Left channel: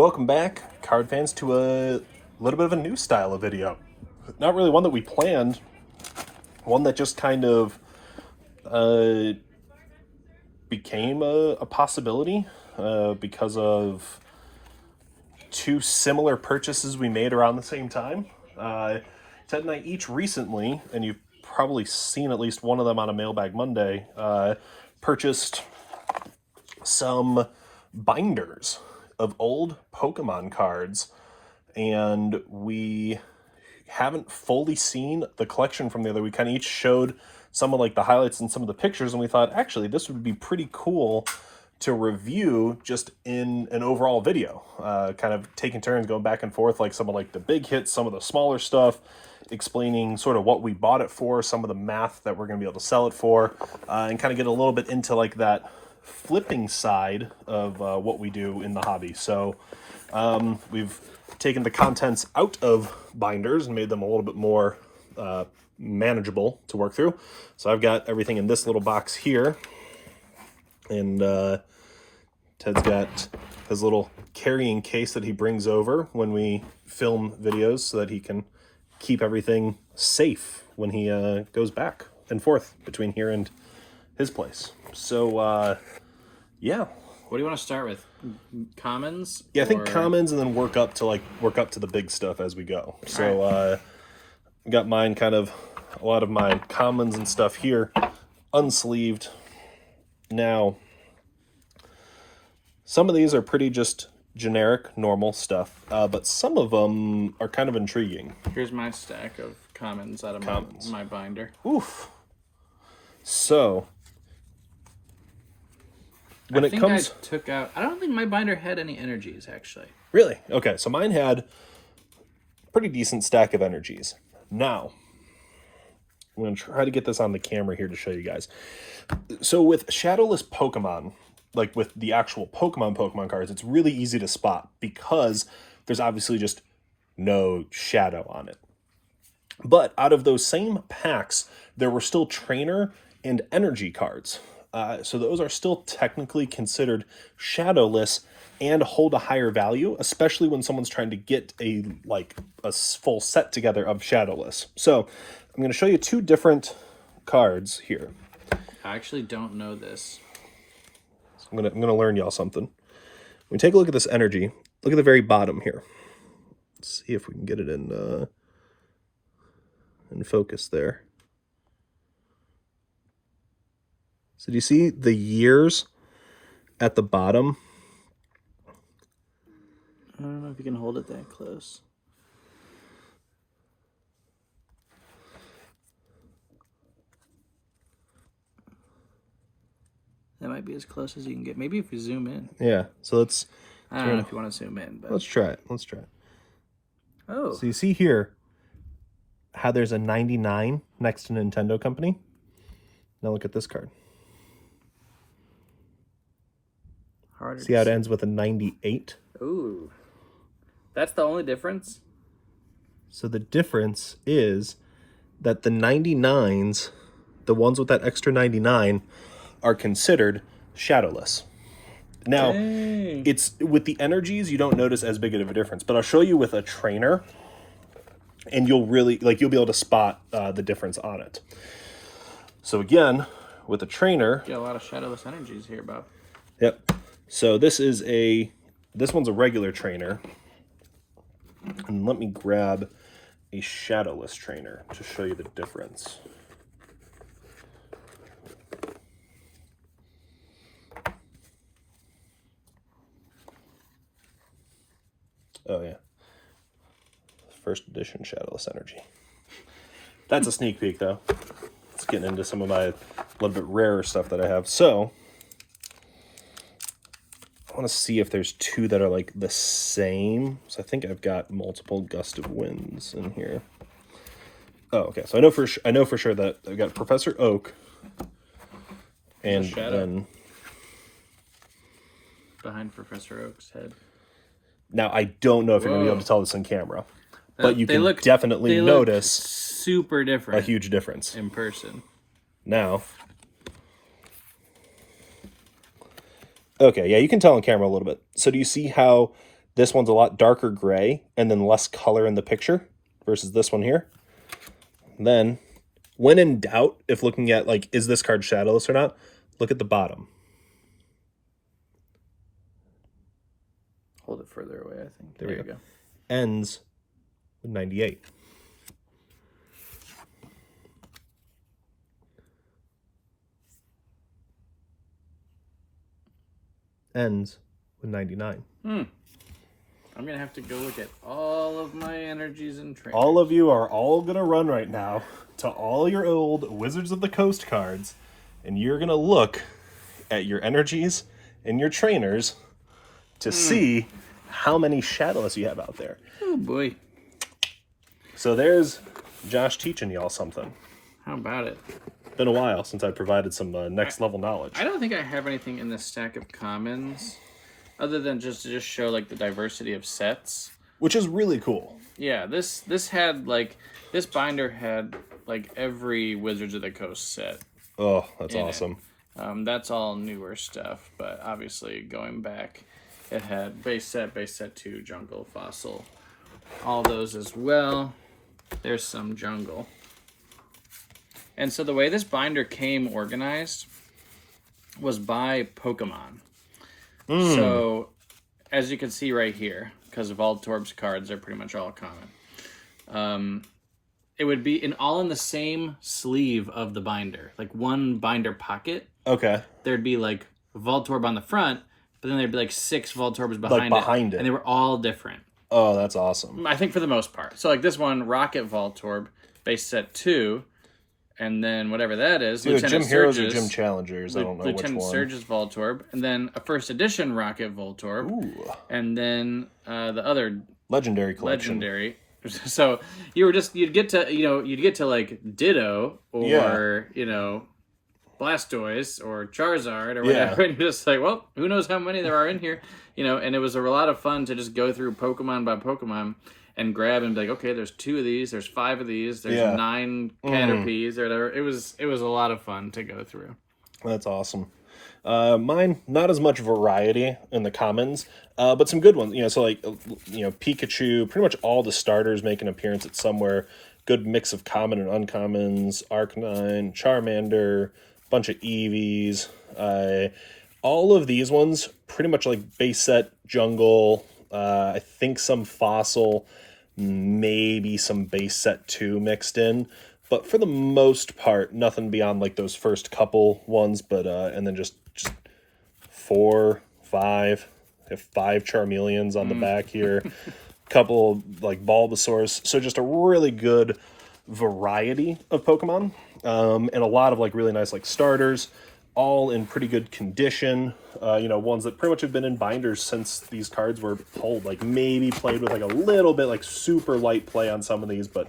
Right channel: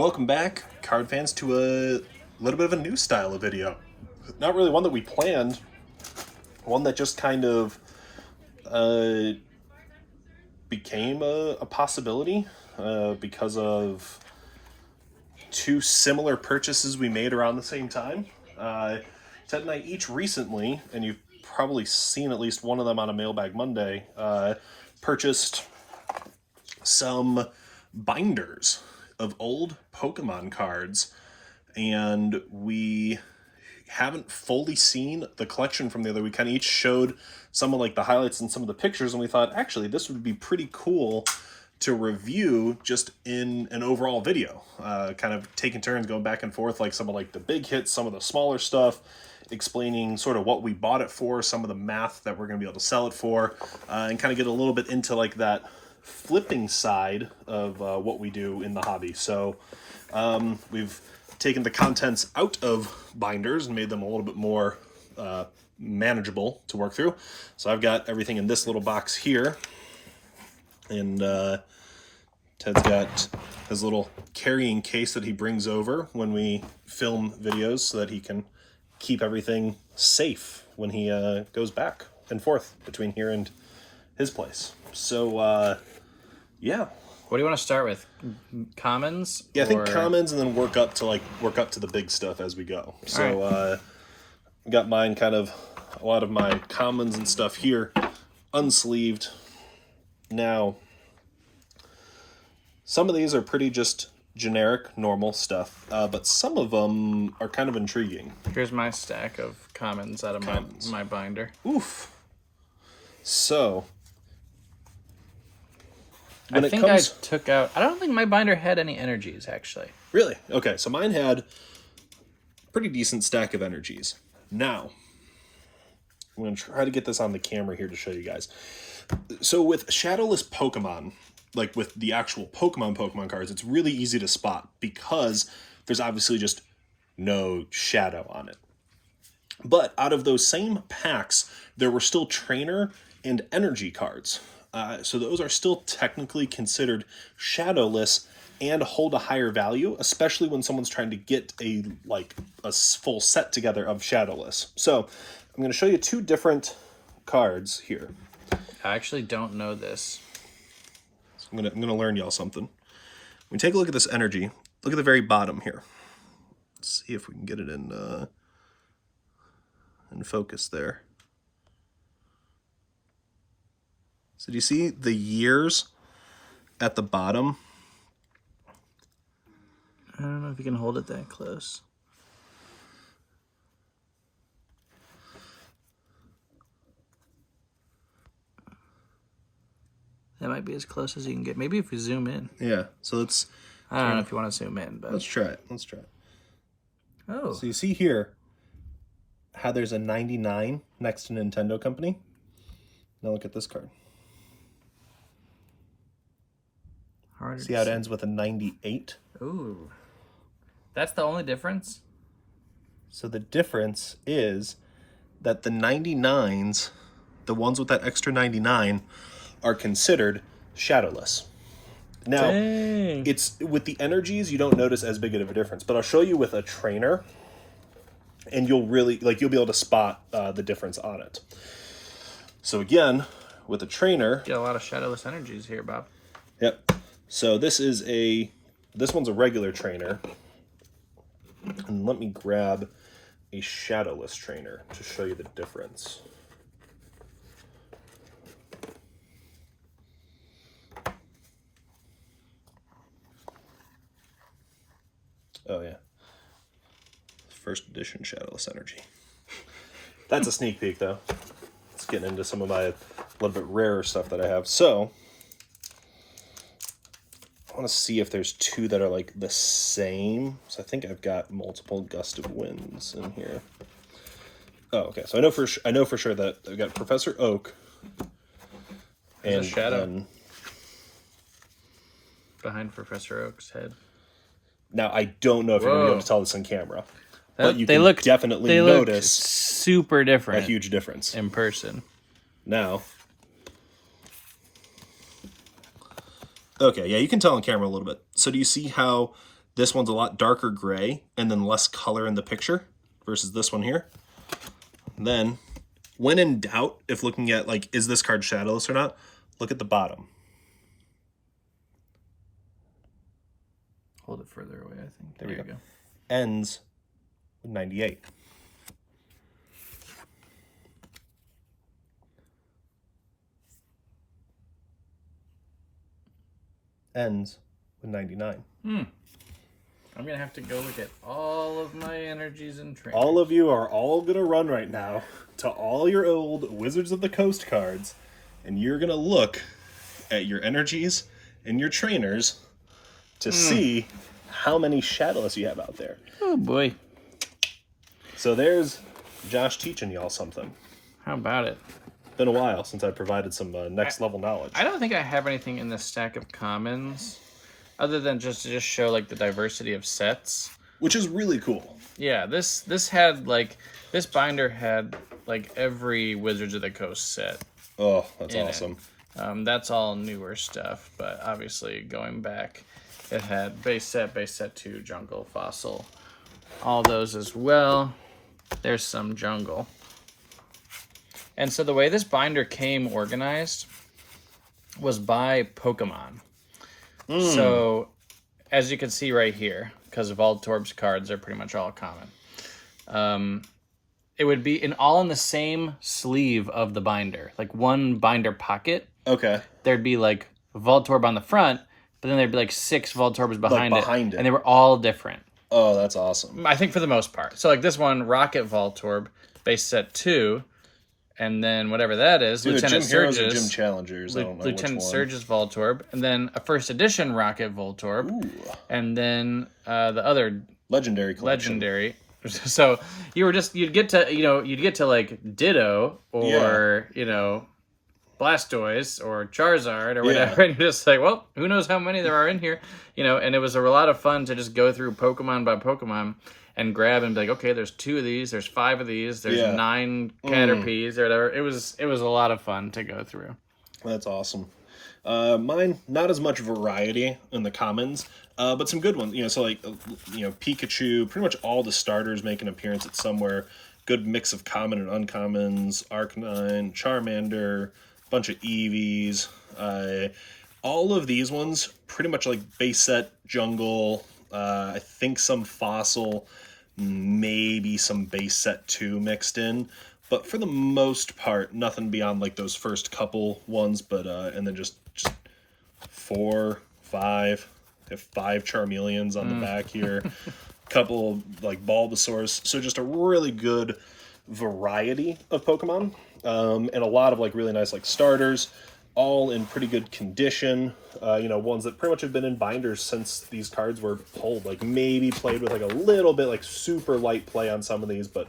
Welcome back, card fans, to a little bit of a new style of video. Not really one that we planned, one that just kind of became a possibility because of two similar purchases we made around the same time. Ted and I each recently, and you've probably seen at least one of them on a Mailbag Monday, purchased some binders of old Pokemon cards, and we haven't fully seen the collection from the other. We kind of each showed some of like the highlights and some of the pictures, and we thought actually this would be pretty cool to review just in an overall video, kind of taking turns going back and forth, like some of like the big hits, some of the smaller stuff, explaining sort of what we bought it for, some of the math that we're going to be able to sell it for, and kind of get a little bit into like that flipping side of what we do in the hobby. So we've taken the contents out of binders and made them a little bit more manageable to work through. So I've got everything in this little box here, and Ted's got his little carrying case that he brings over when we film videos so that he can keep everything safe when he goes back and forth between here and his place. So yeah, what do you want to start with? Commons? Yeah, I think commons, and then work up to the big stuff as we go. So I got mine, kind of a lot of my commons and stuff here unsleeved. Now, some of these are pretty just generic, normal stuff, but some of them are kind of intriguing. Here's my stack of commons out of my binder. Oof. So, I think I took out... I don't think my binder had any energies, actually. Really? Okay, so mine had a pretty decent stack of energies. Now, I'm going to try to get this on the camera here to show you guys. So with shadowless Pokemon, like with the actual Pokemon cards, it's really easy to spot because there's obviously just no shadow on it. But out of those same packs, there were still trainer and energy cards. So those are still technically considered shadowless and hold a higher value, especially when someone's trying to get a full set together of shadowless. So I'm going to show you two different cards here. I actually don't know this. So I'm gonna learn y'all something. When we take a look at this energy, look at the very bottom here. Let's see if we can get it in focus there. So do you see the years at the bottom? I don't know if you can hold it that close. That might be as close as you can get. Maybe if we zoom in. Yeah, so let's... I don't know if you want to zoom in, but... Let's try it. Let's try it. Oh. So you see here how there's a 99 next to Nintendo Company? Now look at this card. See how it ends with a 98? Ooh. That's the only difference? So the difference is that the 99s, the ones with that extra 99, are considered shadowless. Now, it's with the energies, you don't notice as big of a difference, but I'll show you with a trainer, and you'll be able to spot the difference on it. So again, with a trainer... Get a lot of shadowless energies here, Bob. Yep. So this one's a regular trainer. And let me grab a shadowless trainer to show you the difference. Oh yeah. First edition shadowless energy. That's a sneak peek though. It's getting into some of my little bit rarer stuff that I have. So I want to see if there's two that are like the same. So I think I've got multiple gust of winds in here. Oh, okay. So I know for sure that I've got Professor Oak and shadow behind Professor Oak's head. Now I don't know if you're gonna be able to tell this on camera, but you can definitely notice super different. A huge difference in person. Now. Okay, yeah, you can tell on camera a little bit. So do you see how This one's a lot darker gray and then less color in the picture versus this one here. Then, when in doubt, if looking at, like, is this card shadowless or not, look at the bottom. Hold it further away, I think. There you go. Ends with 98. Ends with 99. I'm going to have to go look at all of my energies and trainers. All of you are all going to run right now to all your old Wizards of the Coast cards, and you're going to look at your energies and your trainers to see how many shadowless you have out there. Oh, boy. So there's Josh teaching y'all something. How about it? Been a while since I provided some next level knowledge. I don't think I have anything in this stack of commons other than just to show like the diversity of sets, which is really cool. Yeah, this had like this binder had like every Wizards of the Coast set. Oh, that's awesome. That's all newer stuff, but obviously going back, it had base set 2, jungle, fossil, all those as well. There's some jungle. And so the way this binder came organized was by Pokemon. So, as you can see right here, because Voltorb's cards are pretty much all common, it would be all in the same sleeve of the binder, like one binder pocket. Okay. There'd be like Voltorb on the front, but then there'd be like 6 Voltorbs behind it, and they were all different. Oh, that's awesome. I think for the most part. So like this one, Rocket Voltorb, base set 2. And then whatever that is, Lieutenant Gym Surge's, Heroes or Gym Challengers, I don't know Lieutenant which one. Surge's Voltorb, and then a first edition Rocket Voltorb, and then the other Legendary collection. Legendary. So you'd get to like Ditto or Blastoise or Charizard or whatever, and you're just like, well, who knows how many there are in here, and it was a lot of fun to just go through Pokemon by Pokemon and grab and be like, okay, there's 2 of these, there's 5 of these, there's 9 Caterpies or whatever. It was a lot of fun to go through. That's awesome. Mine, not as much variety in the commons, but some good ones. So like, Pikachu, pretty much all the starters make an appearance at somewhere. Good mix of common and uncommons, Arcanine, Charmander, bunch of Eevees. All of these ones, pretty much like base set, jungle, I think some fossil, maybe some base set 2 mixed in, but for the most part, nothing beyond like those first couple ones, but and then just 4, 5, have 5 Charmeleons on the back here, couple like Bulbasaurs, so just a really good variety of Pokemon, and a lot of like really nice like starters, all in pretty good condition, ones that pretty much have been in binders since these cards were pulled, like maybe played with like a little bit like super light play on some of these, but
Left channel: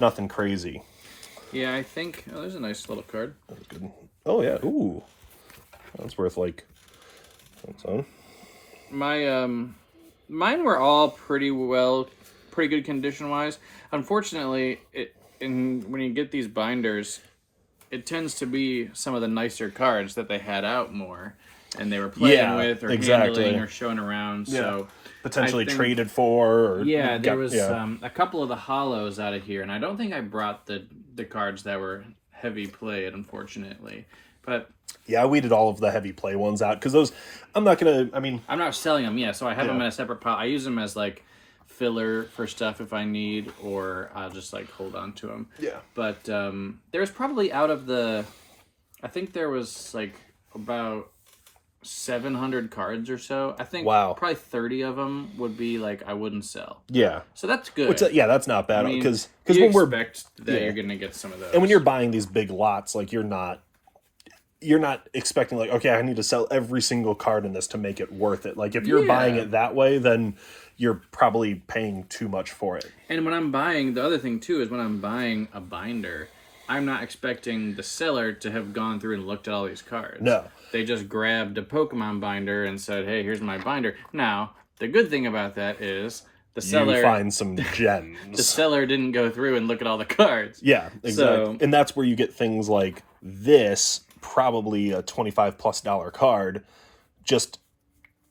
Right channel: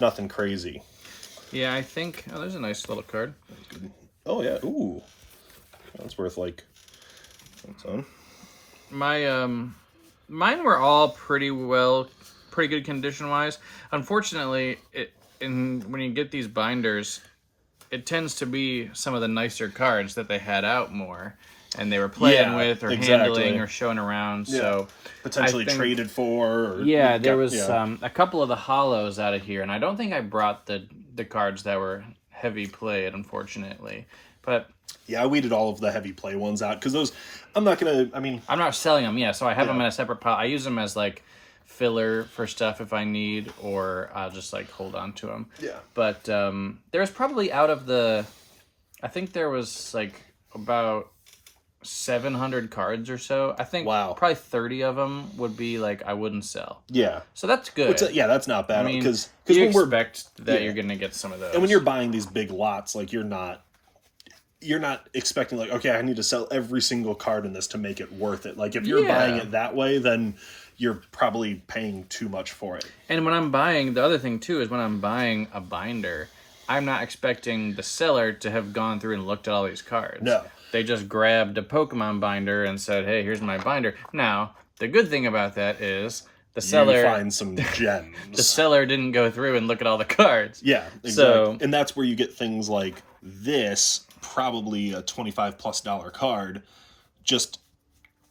nothing crazy. Yeah, I think, there's a nice little card. Oh yeah, ooh, that's worth like, that's on. Mine were all pretty good condition wise. Unfortunately, when you get these binders, it tends to be some of the nicer cards that they had out more, and they were playing with or handling or showing around. Yeah. So potentially traded for. Or there was a couple of the hollows out of here, and I don't think I brought the cards that were heavy played, unfortunately. But yeah, I weeded all of the heavy play ones out because those, I'm not selling them. Yeah, so I have them in a separate pile. I use them as like filler for stuff if I need, or I'll just like hold on to them. Yeah. But there's probably out of I think there was like about 700 cards or so. I think probably 30 of them would be like I wouldn't sell. Yeah. So that's good. That's not bad. Because you expect that you're going to get some of those. And when you're buying these big lots, like you're not expecting like, okay, I need to sell every single card in this to make it worth it. Like if you're buying it that way, then you're probably paying too much for it. And when I'm buying, the other thing too is when I'm buying a binder, I'm not expecting the seller to have gone through and looked at all these cards. No. They just grabbed a Pokemon binder and said, hey, here's my binder. Now, the good thing about that is the seller... You find some gems. The seller didn't go through and look at all the cards. Yeah, exactly. And that's where you get things like this, probably a $25+ card, just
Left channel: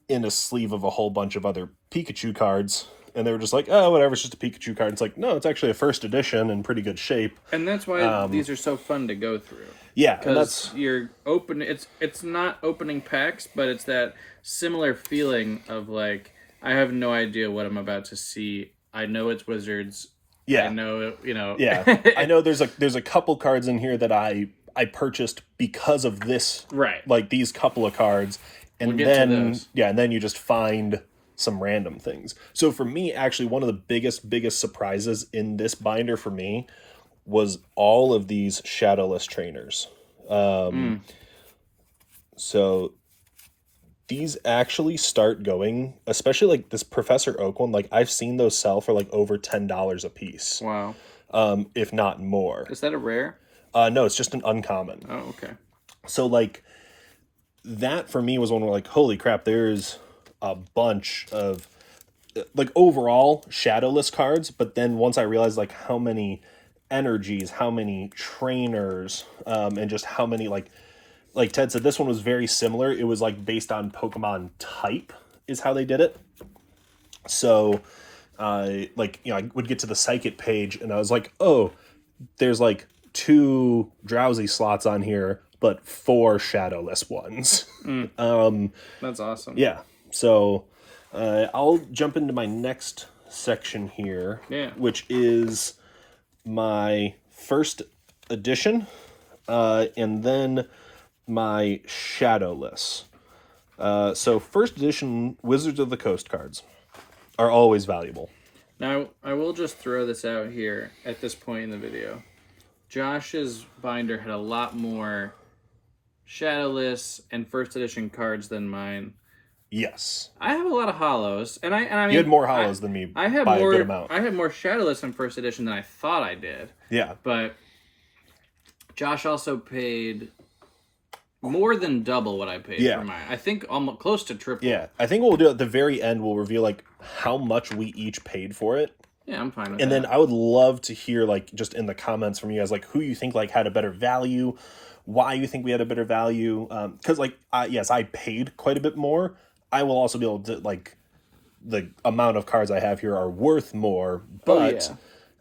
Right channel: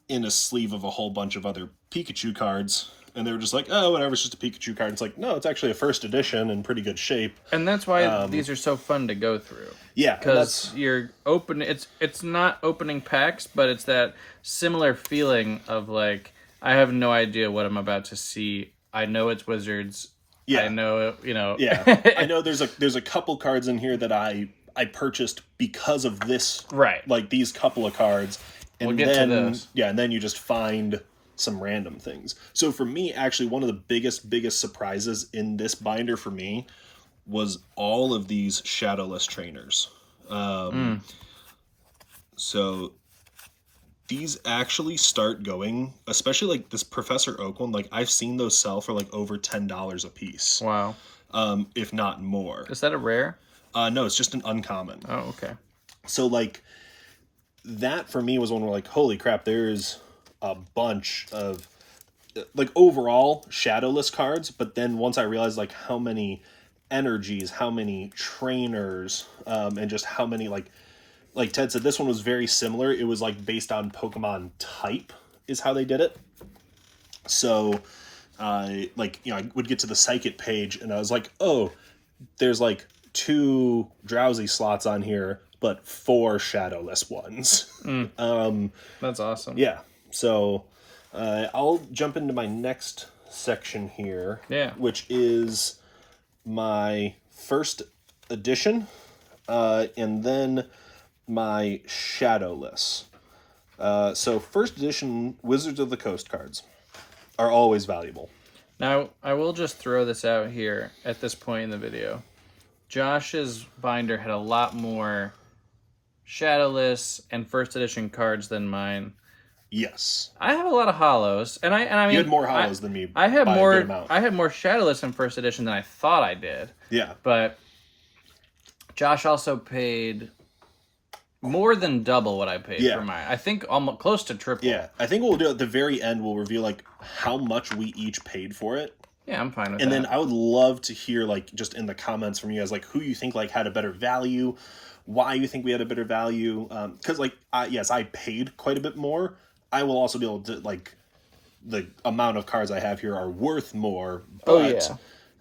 in a sleeve of a whole bunch of other Pikachu cards. And they were just like, oh, whatever, it's just a Pikachu card. It's like, no, it's actually a first edition in pretty good shape. And that's why these are so fun to go through. Yeah, because you're open. It's not opening packs, but it's that similar feeling of like, I have no idea what I'm about to see. I know it's Wizards. Yeah, I know, you know. Yeah, I know there's a couple cards in here that I purchased because of this, right? Like these couple of cards, and we'll and then you just find some random things. So for me, actually, one of the biggest surprises in this binder for me was all of these shadowless trainers. So these actually start going, especially like this Professor Oak one, like I've seen those sell for like over $10 a piece. Wow. If not more. Is that a rare? No, it's just an uncommon. Oh, okay. So like that for me was one where like, holy crap, there's a bunch of like overall shadowless cards, but then once I realized like how many energies, how many trainers, and just how many like Ted said, this one was very similar. It was like based on Pokemon type is how they did it. So like, you know, I would get to the Psychic page and I was like, oh, there's like 2 Drowsy slots on here, but 4 shadowless ones. That's awesome. Yeah. So I'll jump into my next section here, which is my first edition, and then my shadowless. So first edition Wizards of the Coast cards are always valuable. Now, I will just throw this out here at this point in the video. Josh's binder had a lot more shadowless and first edition cards than mine. Yes. I have a lot of hollows, and I mean, you had more hollows than me. I had by more. A good amount. I had more shadowless in first edition than I thought I did. Yeah. But Josh also paid more than double what I paid for mine. I think almost close to triple. Yeah. I think what we'll do at the very end, we'll reveal like how much we each paid for it. Yeah, I'm fine with and that. And then I would love to hear like just in the comments from you guys like who you think like had a better value, why you think we had a better value. Because like yes, I paid quite a bit more. I will also be able to like the amount of cards I have here are worth more, but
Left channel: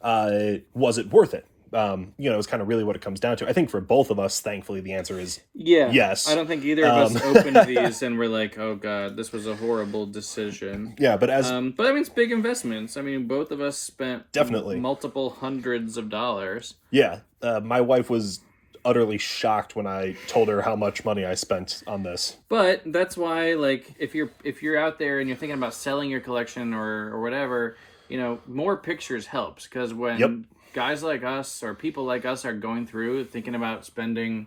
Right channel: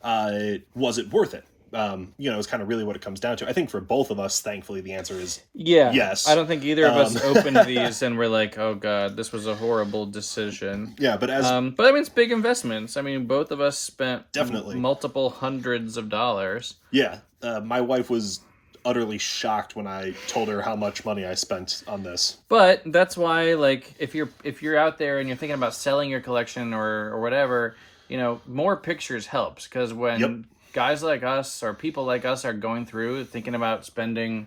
was it worth it? You know, it's kind of really what it comes down to. I think for both of us, thankfully, the answer is yes. I don't think either of us opened these and we're like, oh god, this was a horrible decision. Yeah, but as but I mean, it's big investments. I mean, both of us spent definitely multiple hundreds of dollars. Yeah, my wife was utterly shocked when I told her how much money I spent on this. But that's why, like, if you're out there and you're thinking about selling your collection or whatever, you know, more pictures helps, because when guys like us or people like us are going through thinking about spending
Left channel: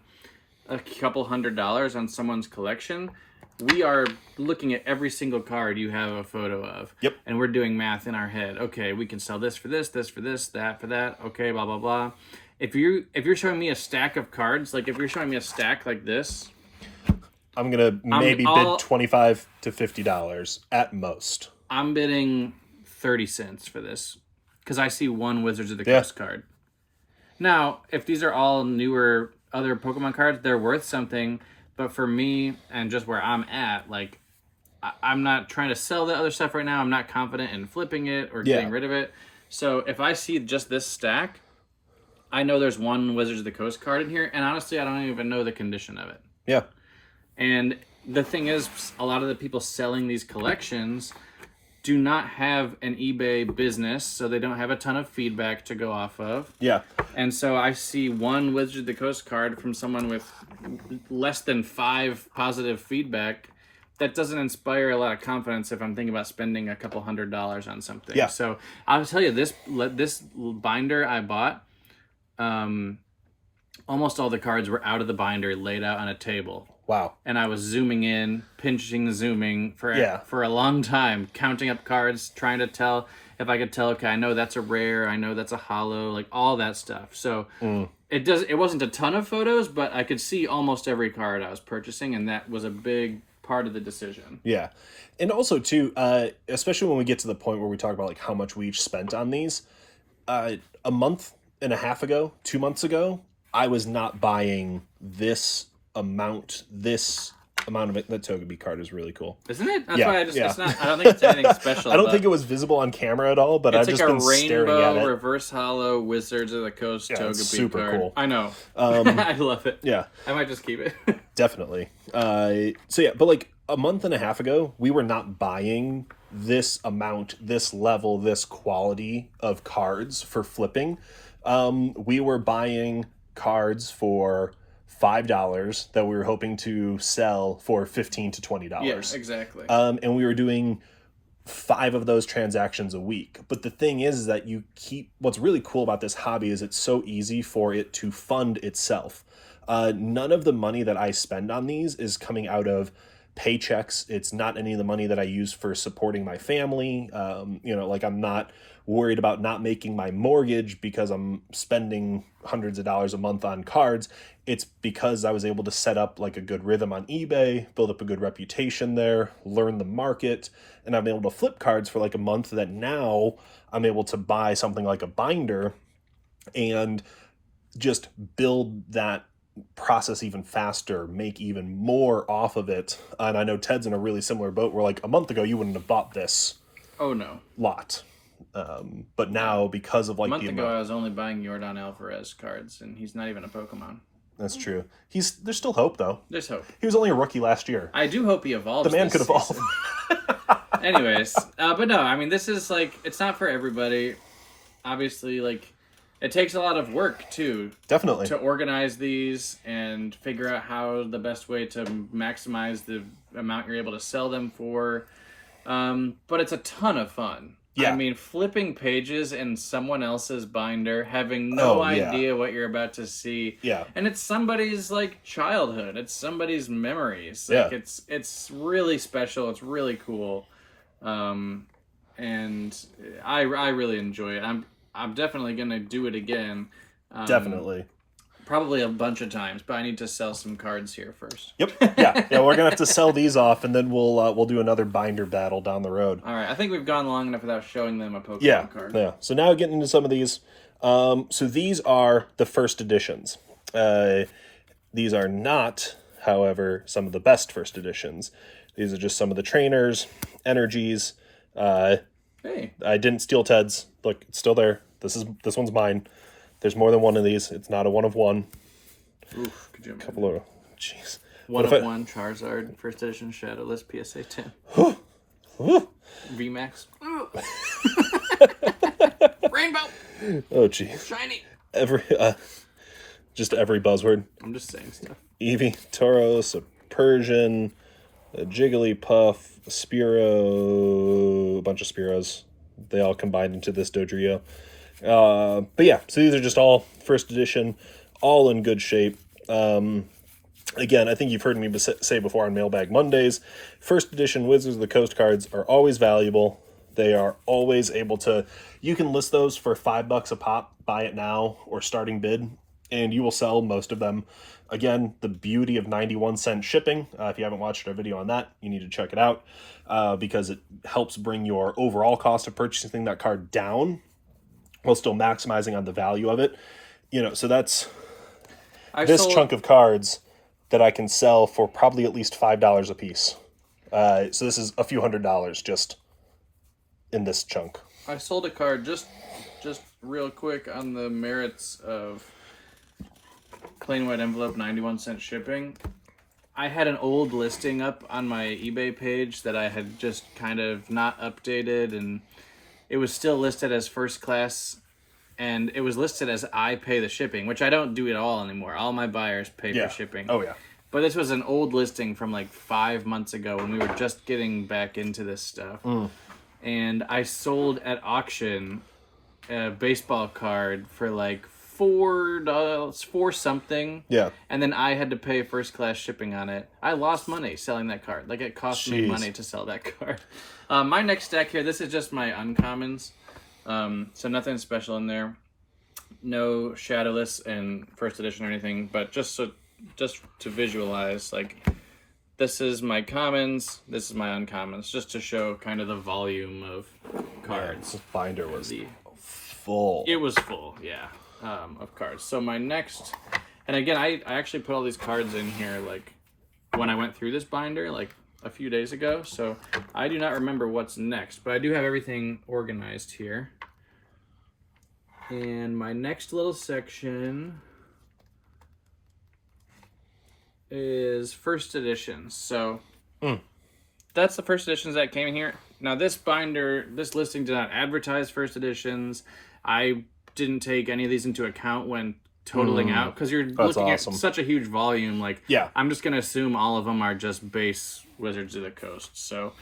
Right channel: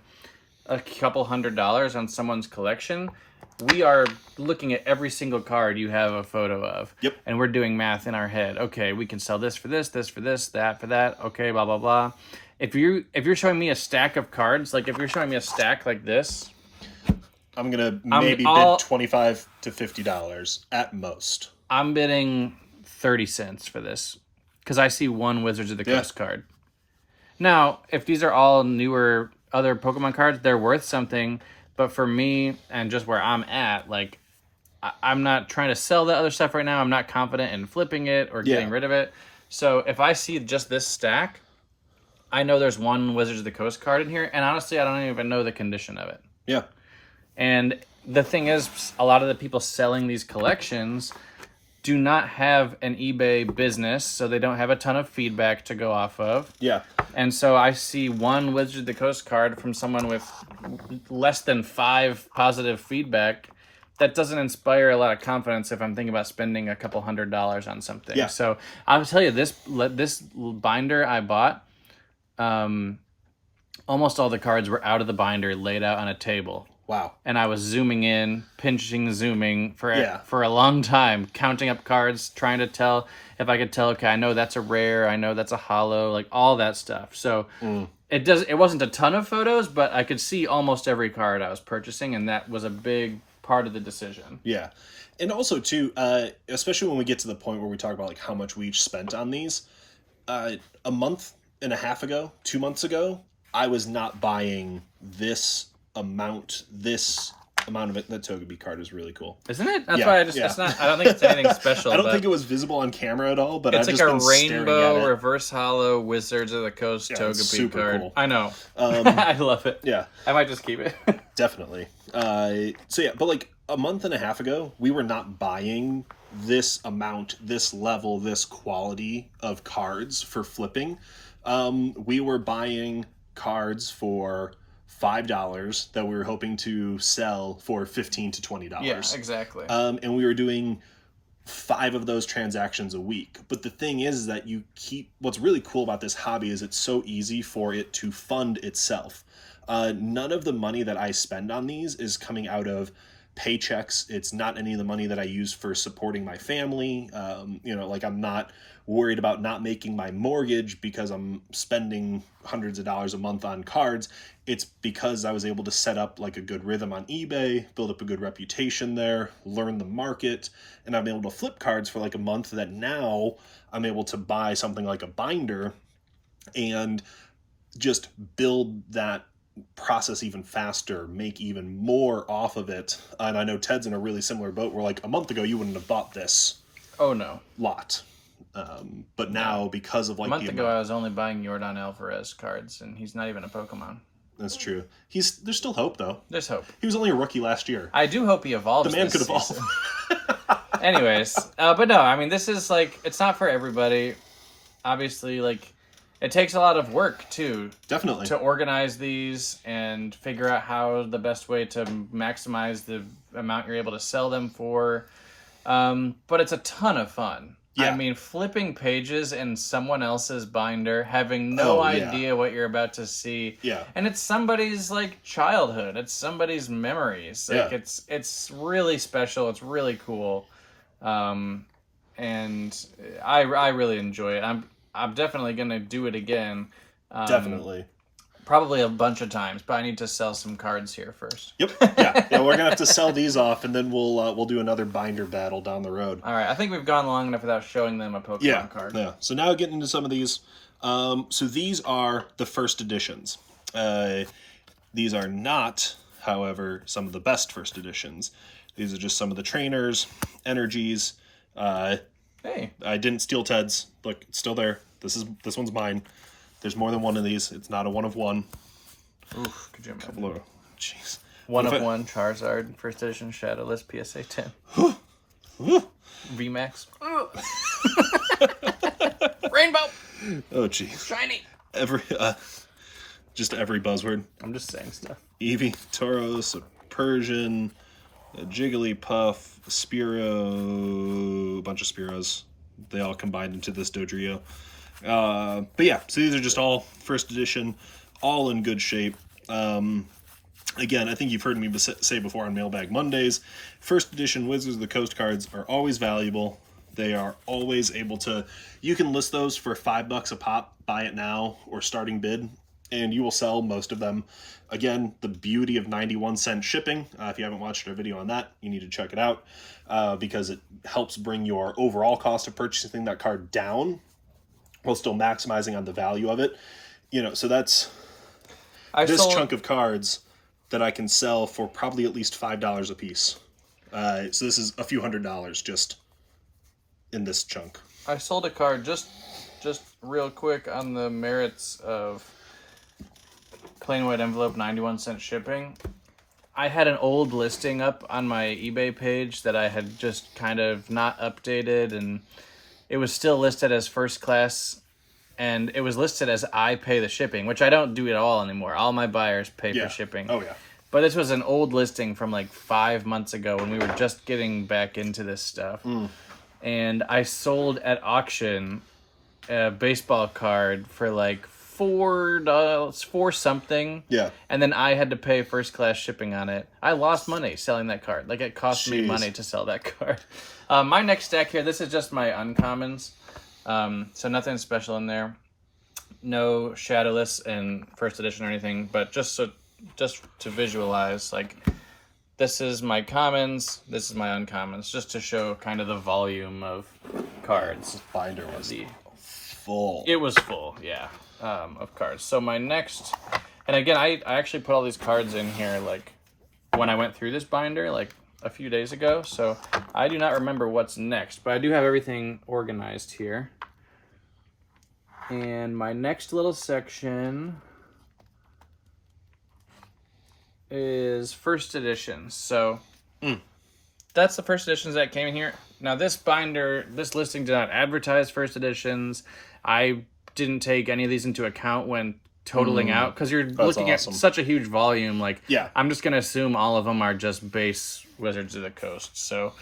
a couple $100s on someone's collection, we are looking at every single card you have a photo of. Yep. And we're doing math in our head. Okay, we can sell this for this for this, that for that. Okay, blah blah blah. If you're showing me a stack of cards, like if you're showing me a stack like this, I'm gonna maybe bid $25 to $50 at most. I'm bidding 30 cents for this because I see one Wizards of the Coast card. Now, if these are all newer other Pokemon cards, they're worth something. But for me and just where I'm at, like I'm not trying to sell that other stuff right now. I'm not confident in flipping it or getting rid of it. So if I see just this stack, I know there's one Wizards of the Coast card in here, and honestly, I don't even know the condition of it. Yeah. And the thing is, a lot of the people selling these collections do not have an eBay business, so they don't have a ton of feedback to go off of. Yeah. And so I see one Wizards of the Coast card from someone with less than 5 positive feedback. That doesn't inspire a lot of confidence if I'm thinking about spending a couple $100s on something. Yeah. So I'll tell you, this binder I bought, almost all the cards were out of the binder, laid out on a table. Wow. And I was zooming in, zooming for a long time, counting up cards, trying to tell if I could tell, okay, I know that's a rare, I know that's a hollow, like all that stuff. So it wasn't a ton of photos, but I could see almost every card I was purchasing, and that was a big part of the decision. Yeah. And also too, especially when we get to the point where we talk about like how much we each spent on these, a month and a half ago, 2 months ago, I was not buying this amount, this amount of it. That Togepi card is really cool. Isn't it? That's Yeah, why it's not. I don't think it's anything special. I don't think it was visible on camera at all, but I've it's just like been a staring at rainbow it. reverse hollow Wizards of the Coast it's Togepi super card. cool. I know. I love it. Yeah, I might just keep it. definitely. So yeah, but like a month and a half ago, we were not buying this amount, this level, this quality of cards for flipping. We were buying cards for $5 that we were hoping to sell for $15 to $20. Yeah, exactly. And we were doing 5 of those transactions a week. But the thing is that what's really cool about this hobby is it's so easy for it to fund itself. None of the money that I spend on these is coming out of paychecks. It's not any of the money that I use for supporting my family. Like I'm not worried about not making my mortgage because I'm spending hundreds of dollars a month on cards. It's because I was able to set up like a good rhythm on eBay, build up a good reputation there, learn the market, and I've been able to flip cards for like a month that now I'm able to buy something like a binder and just build that process even faster, make even more off of it. And I know Ted's in a really similar boat where like a month ago you wouldn't have bought this lot. But now because of like a month ago I was only buying Yordan Alvarez cards and he's not even a Pokemon. That's true. There's still hope though. There's hope. He was only a rookie last year. I do hope he evolves. The man could evolve. Anyways, but no, I mean this is like it's not for everybody. Obviously, like it takes a lot of work too. Definitely. To organize these and figure out how the best way to maximize the amount you're able to sell them for. But it's a ton of fun. Yeah. I mean, flipping pages in someone else's binder, having no idea what you're about to see. Yeah. And it's somebody's like childhood. It's somebody's memories. Like it's really special. It's really cool. And I really enjoy it. I'm definitely gonna do it again. Definitely. Probably a bunch of times, but I need to sell some cards here first. Yep. Yeah. We're gonna have to sell these off, and then we'll do another binder battle down the road. All right. I think we've gone long enough without showing them a Pokemon card. Yeah. So now getting into some of these. So these are the first editions. These are not, however, some of the best first editions. These are just some of the trainers, energies. Hey. I didn't steal Ted's. Look, it's still there. This one's mine. There's more than one of these. It's not a one of one. Oof, could you imagine? Couple of, jeez. One of one Charizard, first edition shadowless PSA 10. VMAX. Rainbow. Oh, jeez. Shiny. Just every buzzword. I'm just saying stuff. Eevee, Tauros, a Persian, a Jigglypuff, a Spearow, a bunch of Spearows. They all combined into this Dodrio. But yeah, so these are just all first edition, all in good shape. Again, I think you've heard me say before on Mailbag Mondays, first edition Wizards of the Coast cards are always valuable. They are always able to, you can list those for $5 a pop, buy it now, or starting bid, and you will sell most of them. Again, the beauty of 91-cent shipping. If you haven't watched our video on that, you need to check it out because it helps bring your overall cost of purchasing that card down while still maximizing on the value of it. So that's chunk of cards that I can sell for probably at least $5 a piece. So this is a few $100s just in this chunk. I sold a card just real quick on the merits of plain white envelope 91-cent shipping. I had an old listing up on my eBay page that I had just kind of not updated, and it was still listed as first class, and it was listed as I pay the shipping, which I don't do at all anymore. All my buyers pay for shipping. Oh, yeah. But this was an old listing from like 5 months ago when we were just getting back into this stuff. And I sold at auction a baseball card for like $4 for something. Yeah. And then I had to pay first class shipping on it. I lost money selling that card. Like it cost me money to sell that card. My next stack here, this is just my uncommons. So nothing special in there. No shadowless in first edition or anything, but just to visualize, like this is my commons, this is my uncommons, just to show kind of the volume of cards. This binder was full. It was full, yeah, of cards. So my next, and again, I actually put all these cards in here like when I went through this binder like a few days ago, so I do not remember what's next, but I do have everything organized here. And my next little section is first editions. So that's the first editions that came in here. Now this binder, this listing did not advertise first editions. I didn't take any of these into account when totaling out, because you're looking at such a huge volume. Like, I'm just gonna assume all of them are just base Wizards of the Coast. So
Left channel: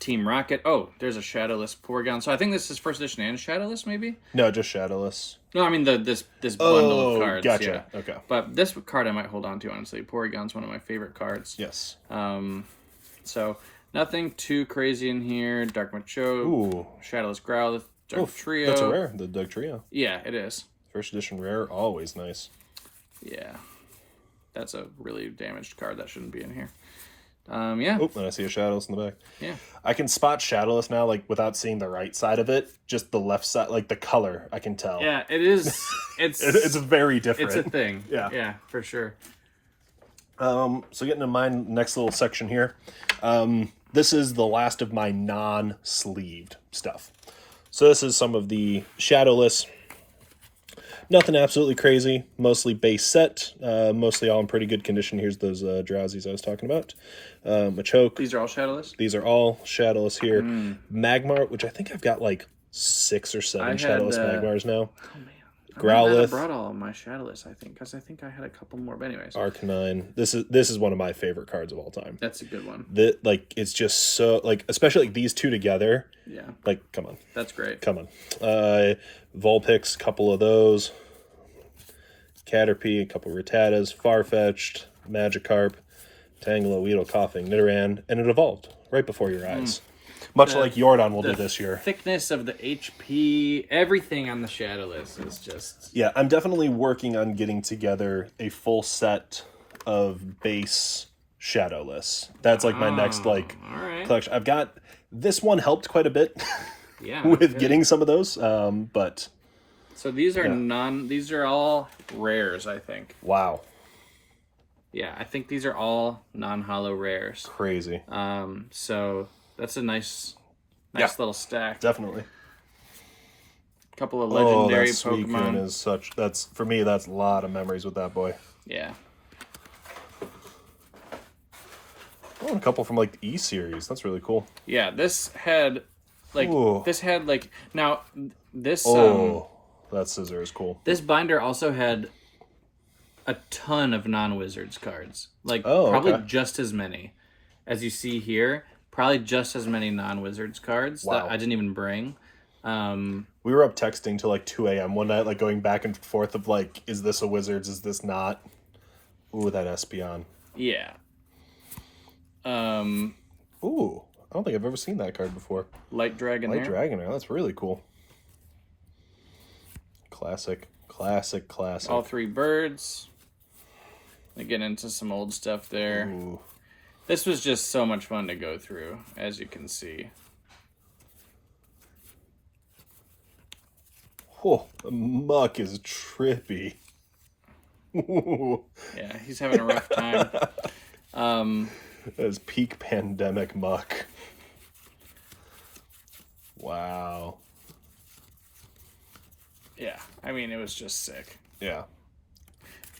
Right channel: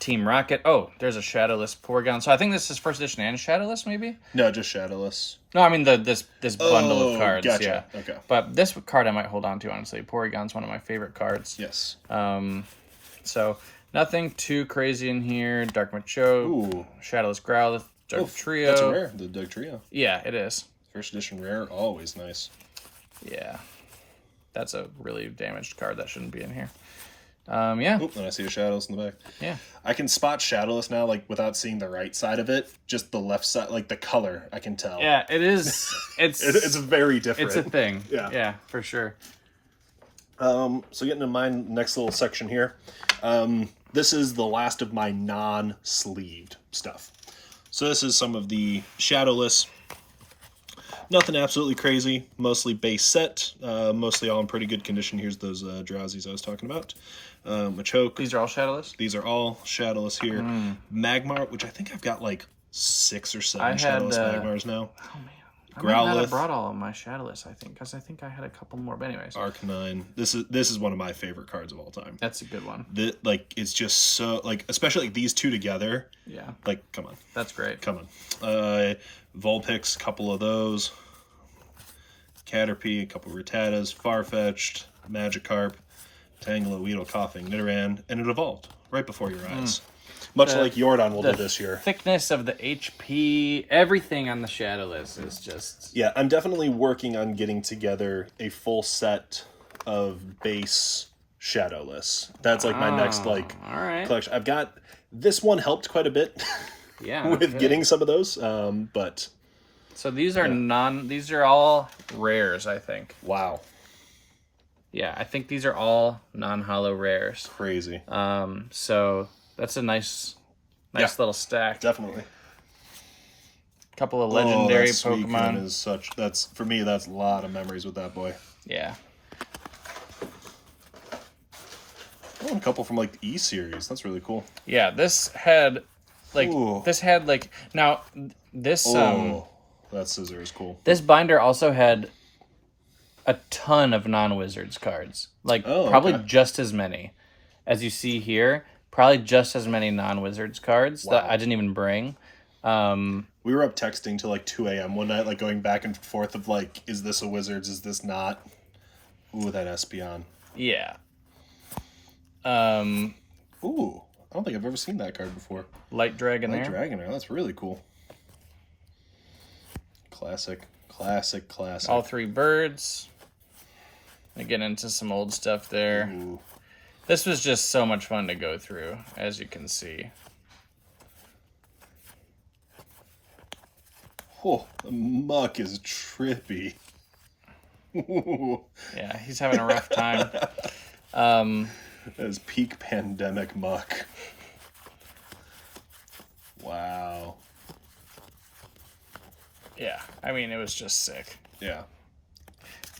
Team Rocket. Oh, there's a shadowless Porygon. So I think this is first edition and shadowless, maybe? No, just shadowless. No, I mean this bundle of cards. Gotcha. Yeah. Okay. But this card I might hold on to, honestly. Porygon's one of my favorite cards. Yes. So nothing too crazy in here. Dark Machoke, Shadowless Growlithe, Dark Trio. That's a rare, the Dark Trio. Yeah, it is. First edition rare, always nice. Yeah. That's a really damaged card that shouldn't be in here. Yeah. Oh, and I see a Shadowless in the back. Yeah. I can spot Shadowless now, like, without seeing the right side of it. Just the left side, like, the color, I can tell. Yeah, it is. It's very different. It's a thing. Yeah, for sure. So getting to my next little section here. This is the last of my non-sleeved stuff. So this is some of the Shadowless. Nothing absolutely crazy. Mostly base set. Mostly all in pretty good condition. Here's those Drowsies I was talking about. Machoke. These are all shadowless? These are all Shadowless here. Magmar, which I think I've got like 6 or 7 Shadowless Magmars now. Oh, man. Growlithe. I brought all of my shadowless, I think, because I think I had a couple more. But anyways. Arcanine. This is one of my favorite cards of all time. That's a good one. It's just so, like, especially like these two together. Yeah. Like, come on. That's great. Come on. Vulpix, couple of those. Caterpie, a couple of Rattatas, Farfetch'd, Magikarp, Tangela, Weedle, Coughing, Nidoran, and it evolved right before your eyes. Much like Yordan will do this year. Thickness of the HP, everything on the shadowless is just... Yeah, I'm definitely working on getting together a full set of base Shadowless. That's like my next collection. I've got... This one helped quite a bit with getting some of those, but... So these are these are all rares, I think. Wow. Yeah, I think these are all non-holo rares. Crazy. So that's a nice little stack. Definitely. Couple of legendary that Pokemon. Is such, that's, for me, that's a lot of memories with that boy. Yeah. Oh, a couple from like the E series. That's really cool. Yeah, this had now this that scissor is cool. This binder also had a ton of non-Wizards cards. Like, probably just as many as you see here. Probably just as many non-Wizards cards that I didn't even bring. We were up texting till like 2 a.m. one night, like going back and forth of like, is this a Wizards? Is this not? Ooh, that Espeon. Yeah. Ooh, I don't think I've ever seen that card before. Light Dragonair. That's really cool. Classic. All 3 birds. I get into some old stuff there. Ooh. This was just so much fun to go through, as you can see. Oh, the muck is trippy. Yeah, he's having a rough time. That is peak pandemic muck. Wow. Yeah, I mean, it was just sick. Yeah.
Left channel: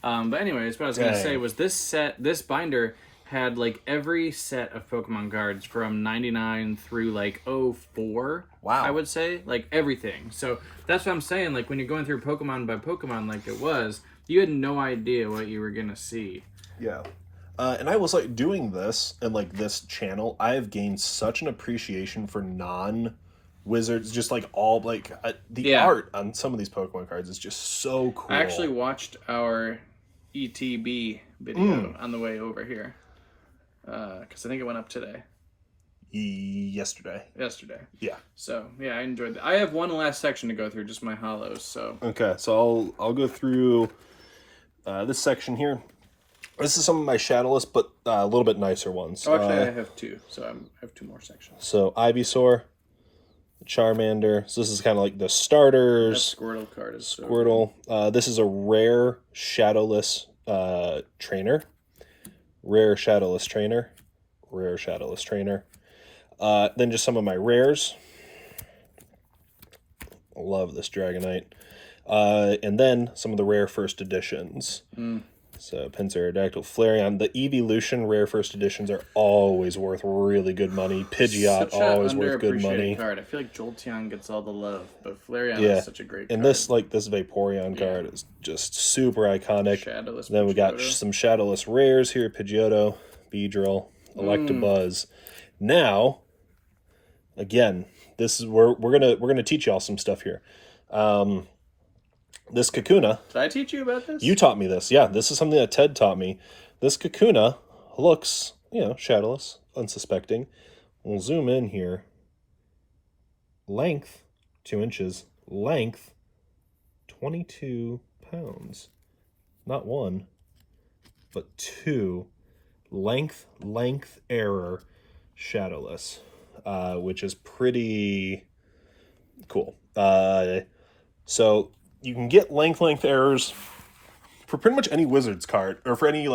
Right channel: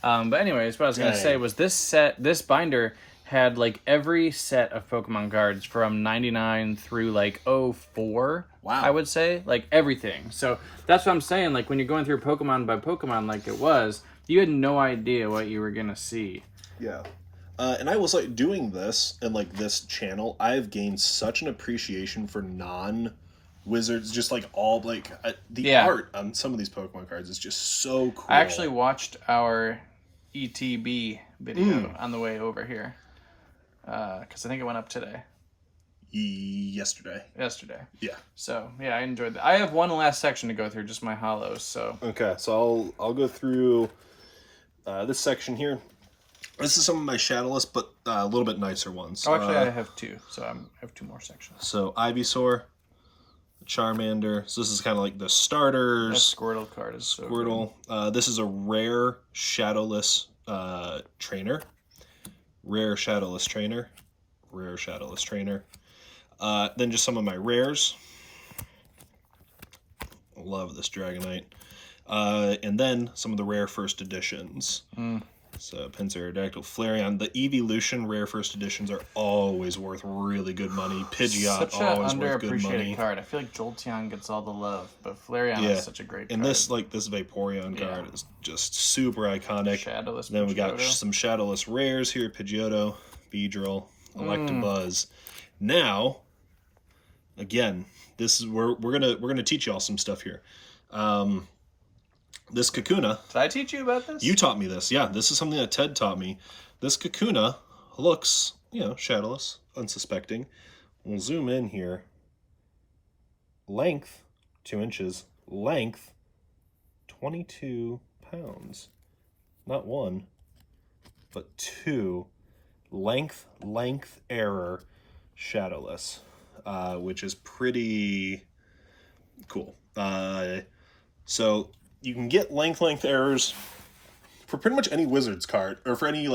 But anyways, what I was going to say was this binder had like every set of Pokemon cards from 99 through like 04. Wow. I would say, like, everything. So that's what I'm saying. Like, when you're going through Pokemon by Pokemon like it was, you had no idea what you were going to see. Yeah. And I was like doing this and like this channel, I have gained such an appreciation for non-Wizards, just like all like the art on some of these Pokemon cards is just so cool. I actually watched our ETB video on the way over here because I think it went up today. Yesterday. Yeah. So yeah, I enjoyed that. I have one last section to go through, just my hollows. So okay, so I'll go through this section here. This is some of my Shadowless, but a little bit nicer ones. Oh, actually, I have 2, so I have 2 more sections. So Ivysaur, Charmander. So this is kind of like the starters. That Squirtle card is Squirtle. so This is a rare Shadowless trainer. rare shadowless trainer, rare shadowless trainer. Then just some of my rares. Love this Dragonite. And then some of the rare first editions. So Pinsir, Flareon. The Evolution rare first editions are always worth really good money. Pidgeot always worth good money. Card. I feel like Jolteon gets all the love, but Flareon is such a great card. And this Vaporeon card is just super iconic. Shadowless then we got Pidgeotto. some Shadowless rares here: Pidgeotto, Beedrill, Electabuzz. Now, again, this is we're gonna teach y'all some stuff here. This Kakuna. Did I teach you about this? You taught me this. Yeah, this is something that Ted taught me. This Kakuna looks, shadowless, unsuspecting. We'll zoom in here. Length, 2 inches. Length, 22 pounds. Not 1, but 2. Length error, shadowless, which is pretty cool. So you can get length errors for pretty much any Wizards card, or for any,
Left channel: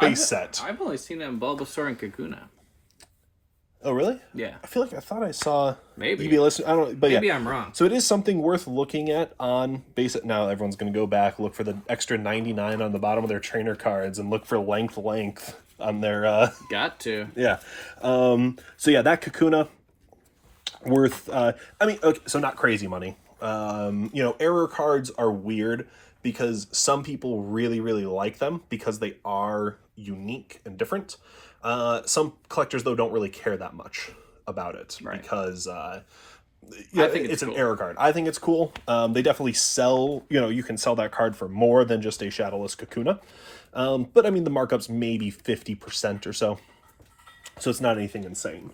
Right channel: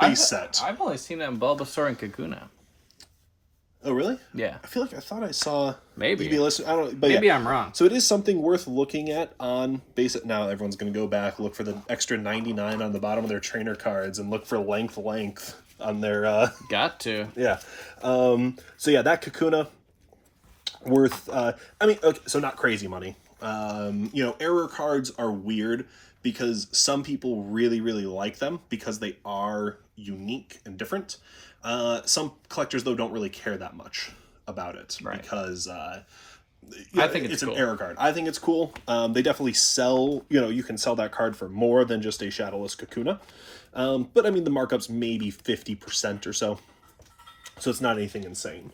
base set. I've only seen it in Bulbasaur and Kakuna. Oh, really? Yeah. I feel like I thought I saw... Maybe. I don't know, but Maybe I'm wrong. So it is something worth looking at on base set. Now everyone's going to go back, look for the extra 99 on the bottom of their trainer cards, and look for length on their... Got to. Yeah. So yeah, that Kakuna, worth... okay, so not crazy money. Error cards are weird because some people really, really like them because they are unique and different. Some collectors, though, don't really care that much about it because I think it's cool. An error card. I think it's cool. They definitely sell, you can sell that card for more than just a Shadowless Kakuna. But I mean, the markup's maybe 50% or so. So it's not anything insane.